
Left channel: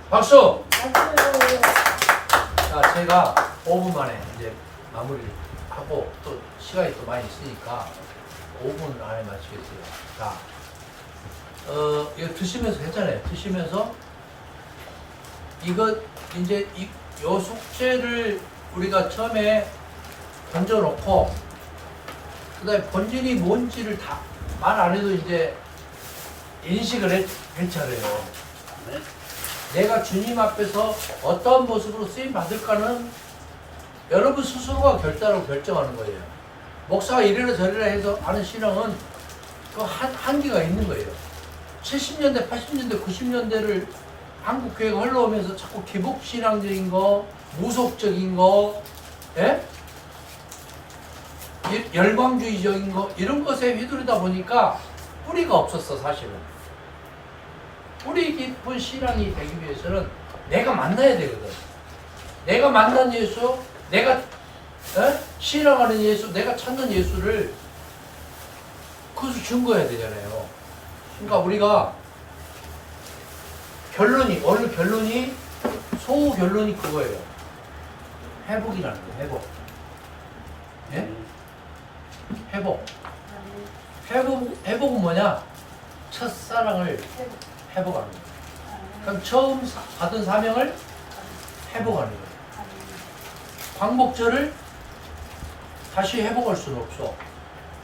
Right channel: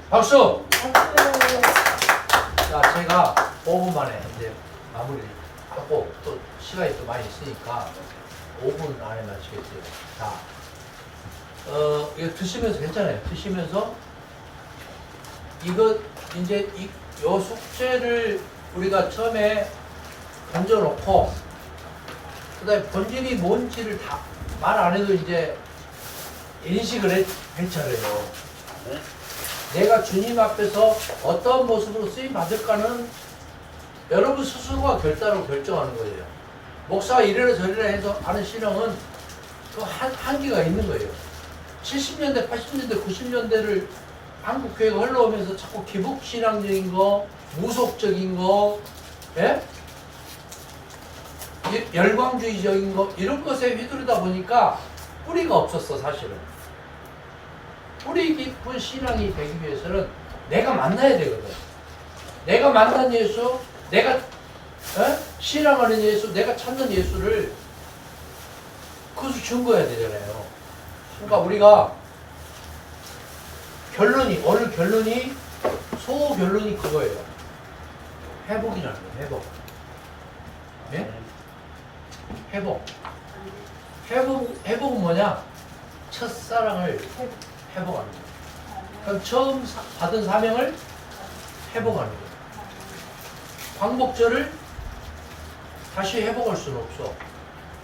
박수! 자, 제가 5분 만에 이제 마무리를 하고 또 시간이 또 많이 있으니까 5분 안에 마치겠어요. 자, 이거 드시면서 괜찮아요. 드시면서 이거 이제 요 숙제를 우리가 처음에 던져놓고 그다음에 본질이 뭔지를 다 말 안 해도 이제 인식을 했잖아요. 내가 주님 앞에서 어떤 모습으로 쓰임 받을까는 여러분 스스로가 결정하는 거예요. 목사가 이래라 저래라 해서 하는 신앙은 그 한계가 있는 거예요. 70년대, 80년대, 90년대를 한국 교회가 흘러오면서 자꾸 기복신앙적인 거, 무속적인 거, 예? 열광주의적인 거 이런 것에 휘두르다 보니까 뿌리가 없었어 사실은. 뿌리 깊은 신앙이 되기 위해서는 내가 만나야 되거든. 내가 만난 예수, 내가 신앙하는 예수, 내가 찾는 예수를 그것을 증거해야 되잖아요. 그러니까 우리가 오늘 결론이 소결론이 그거예요. 회복이라는 거예요. 회복. 네? 회복은 뭐냐? 첫사랑을 회복하는 거예요. 그럼 처음 받은 사명을 회복하는 거예요. 광복절을 다시 회복할 수는 없어.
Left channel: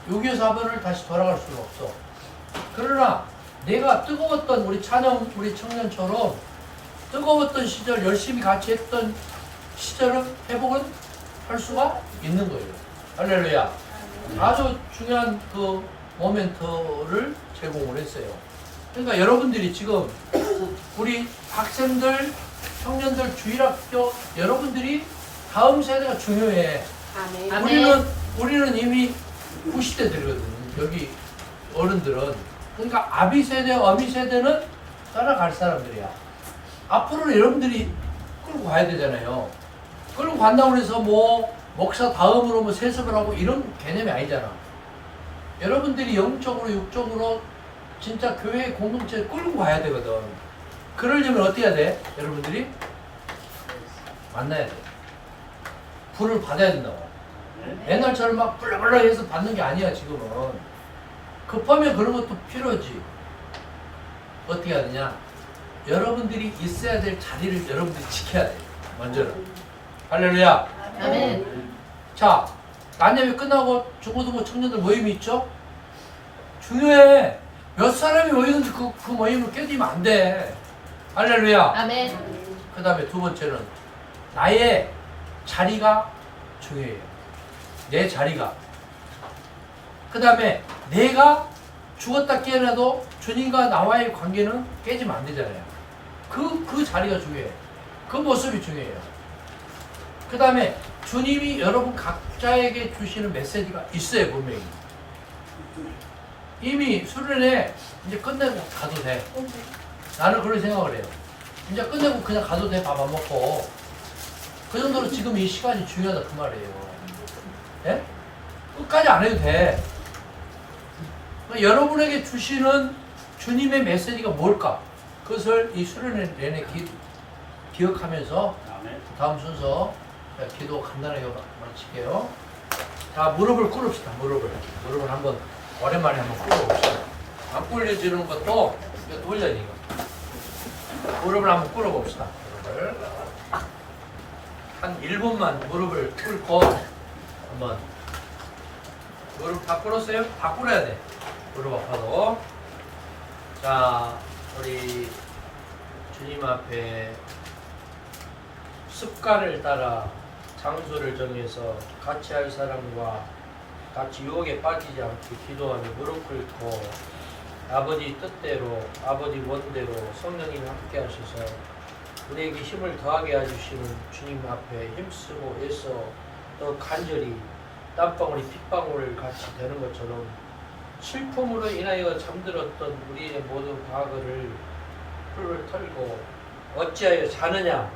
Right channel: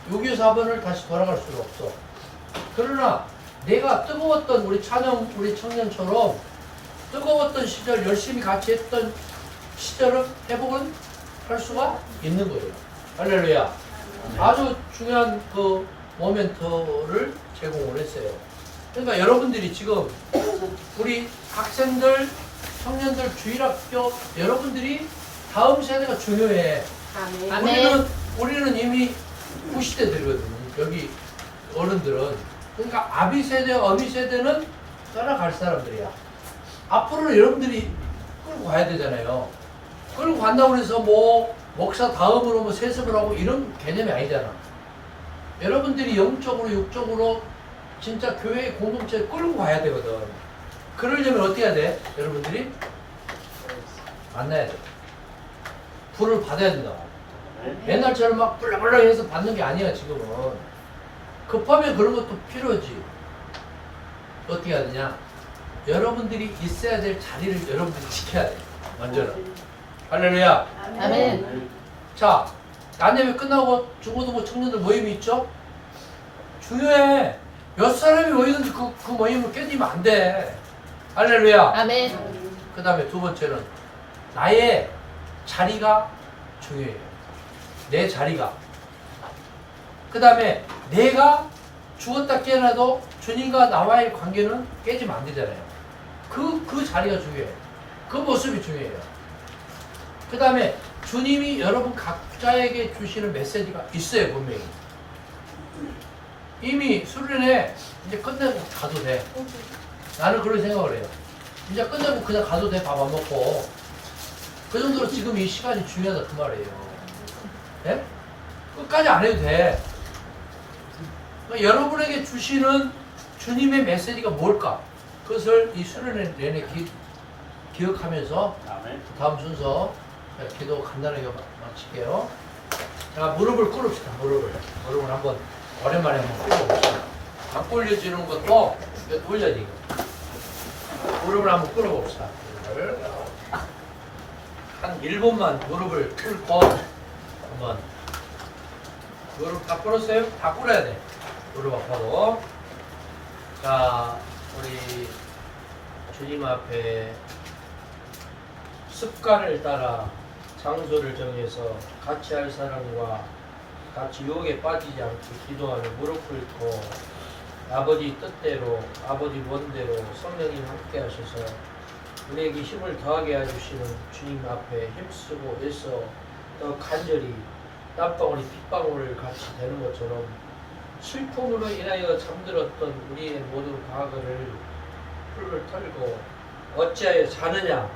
6.25 사변을 다시 돌아갈 수는 없어. 그러나 내가 뜨거웠던 우리 청년처럼 뜨거웠던 시절 열심히 같이 했던 시절은 회복은 할 수가 있는 거예요. 할렐루야. 아주 중요한 그 모멘트를 제공을 했어요. 그러니까 여러분들이 지금 우리 학생들, 청년들, 주일학교 여러분들이 다음 세대가 중요해. 우리는 이미 후시대들이거든요. 여기 어른들은. 그러니까 아비 세대, 어미 세대는 따라갈 사람들이야. 앞으로는 여러분들이 끌고 가야 되잖아요. 끌고 간다고 해서 뭐 목사 다음으로 뭐 세습을 하고 이런 개념이 아니잖아. 여러분들이 영적으로 육적으로 진짜 교회 공동체에 끌고 가야 되거든. 그러려면 어떻게 해야 돼? 여러분들이 만나야 돼. 불을 받아야 된다고. 옛날처럼 막 불러불러 해서 받는 게 아니야 지금은. 급하면 그런 것도 필요하지. 어떻게 해야 되냐? 여러분들이 있어야 될 자리를 여러분들이 지켜야 돼. 먼저는. 할렐루야. 아멘. 자, 난예배 끝나고 중고등부 청년들 모임이 있죠? 중요해. 몇 사람이 모이는지 그 모임을 깨지면 안 돼. 할렐루야. 아멘. 그 다음에 두 번째는 나의 자리가 중요해요. 내 자리가. 그 다음에 내가 죽었다 깨어나도 주님과 나와의 관계는 깨지면 안 되잖아요. 그 자리가 중요해요. 그 모습이 중요해요. 그 다음에 주님이 여러분 각자에게 주시는 메시지가 있어요, 분명히. 이미 수련회 이제 끝내고 가도 돼. 나는 그런 생각을 해요. 이제 끝내고 그냥 가도 돼. 밥 안 먹고. 그 정도로 지금 이 시간이 중요하다 그 말이에요. 예? 끝까지 안 해도 돼. 여러분에게 주시는 주님의 메시지가 뭘까? 그것을 이 수련회 내내 기억하면서 아멘. 다음 순서 기도 간단하게 마칠게요. 자, 무릎을 꿇읍시다. 무릎을 한번 오랜만에 한번 꿇어봅시다. 안 꿇려지는 것도 올려지고. 무릎을 한번 꿇어봅시다. 무릎을 한 1분만 무릎을 꿇고 한번 무릎 다 꿇었어요? 다 꿇어야 돼. 무릎 아파도. 자, 우리 주님 앞에 습관을 따라 장소를 정해서 같이 할 사람과 같이 유혹에 빠지지 않게 기도하며 무릎 꿇고 아버지 뜻대로 아버지 원대로 성령님 함께 하셔서 우리에게 힘을 더하게 해주시는 주님 앞에 힘쓰고 애써 더 간절히 땀방울이 핏방울을 같이 되는 것처럼 슬픔으로 인하여 잠들었던 우리의 모든 과거를 풀을 털고 어찌하여 자느냐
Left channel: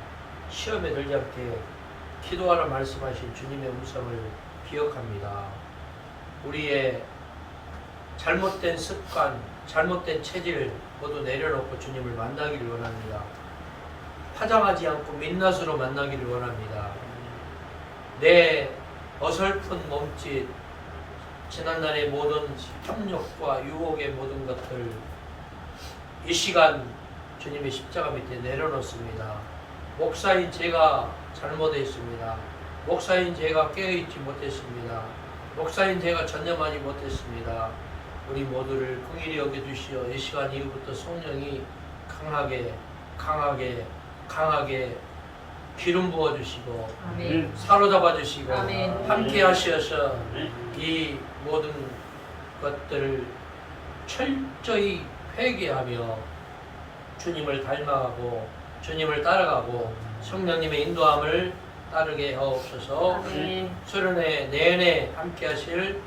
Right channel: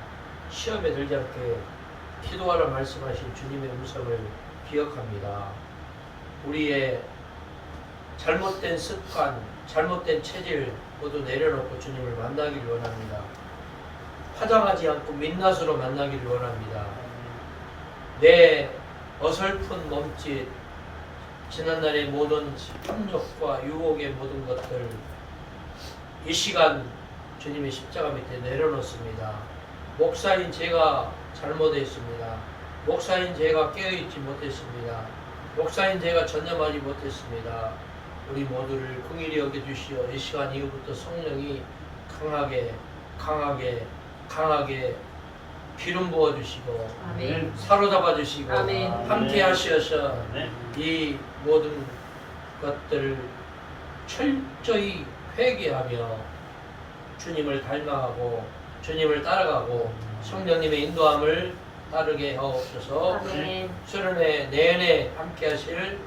시험에 들지 않게 기도하라 말씀하신 주님의 음성을 기억합니다. 우리의 잘못된 습관, 잘못된 체질 모두 내려놓고 주님을 만나기를 원합니다. 화장하지 않고 민낯으로 만나기를 원합니다. 내 어설픈 몸짓, 지난날의 모든 탐욕과 유혹의 모든 것들 이 시간 주님의 십자가 밑에 내려놓습니다. 목사인 제가 잘못했습니다. 목사인 제가 깨어있지 못했습니다. 목사인 제가 전념하지 못했습니다. 우리 모두를 긍휼히 여겨주시어 이 시간 이후부터 성령이 강하게 기름 부어주시고 아멘. 사로잡아 주시고 아멘. 함께 하셔서 네. 이 모든 것들을 철저히 회개하며 주님을 닮아가고 주님을 따라가고 성령님의 인도함을 따르게 하옵소서. 아멘. 수련회 내내 함께 하실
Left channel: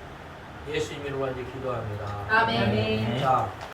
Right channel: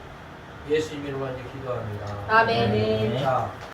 예수 이름으로 이제 기도합니다. 아멘. 자.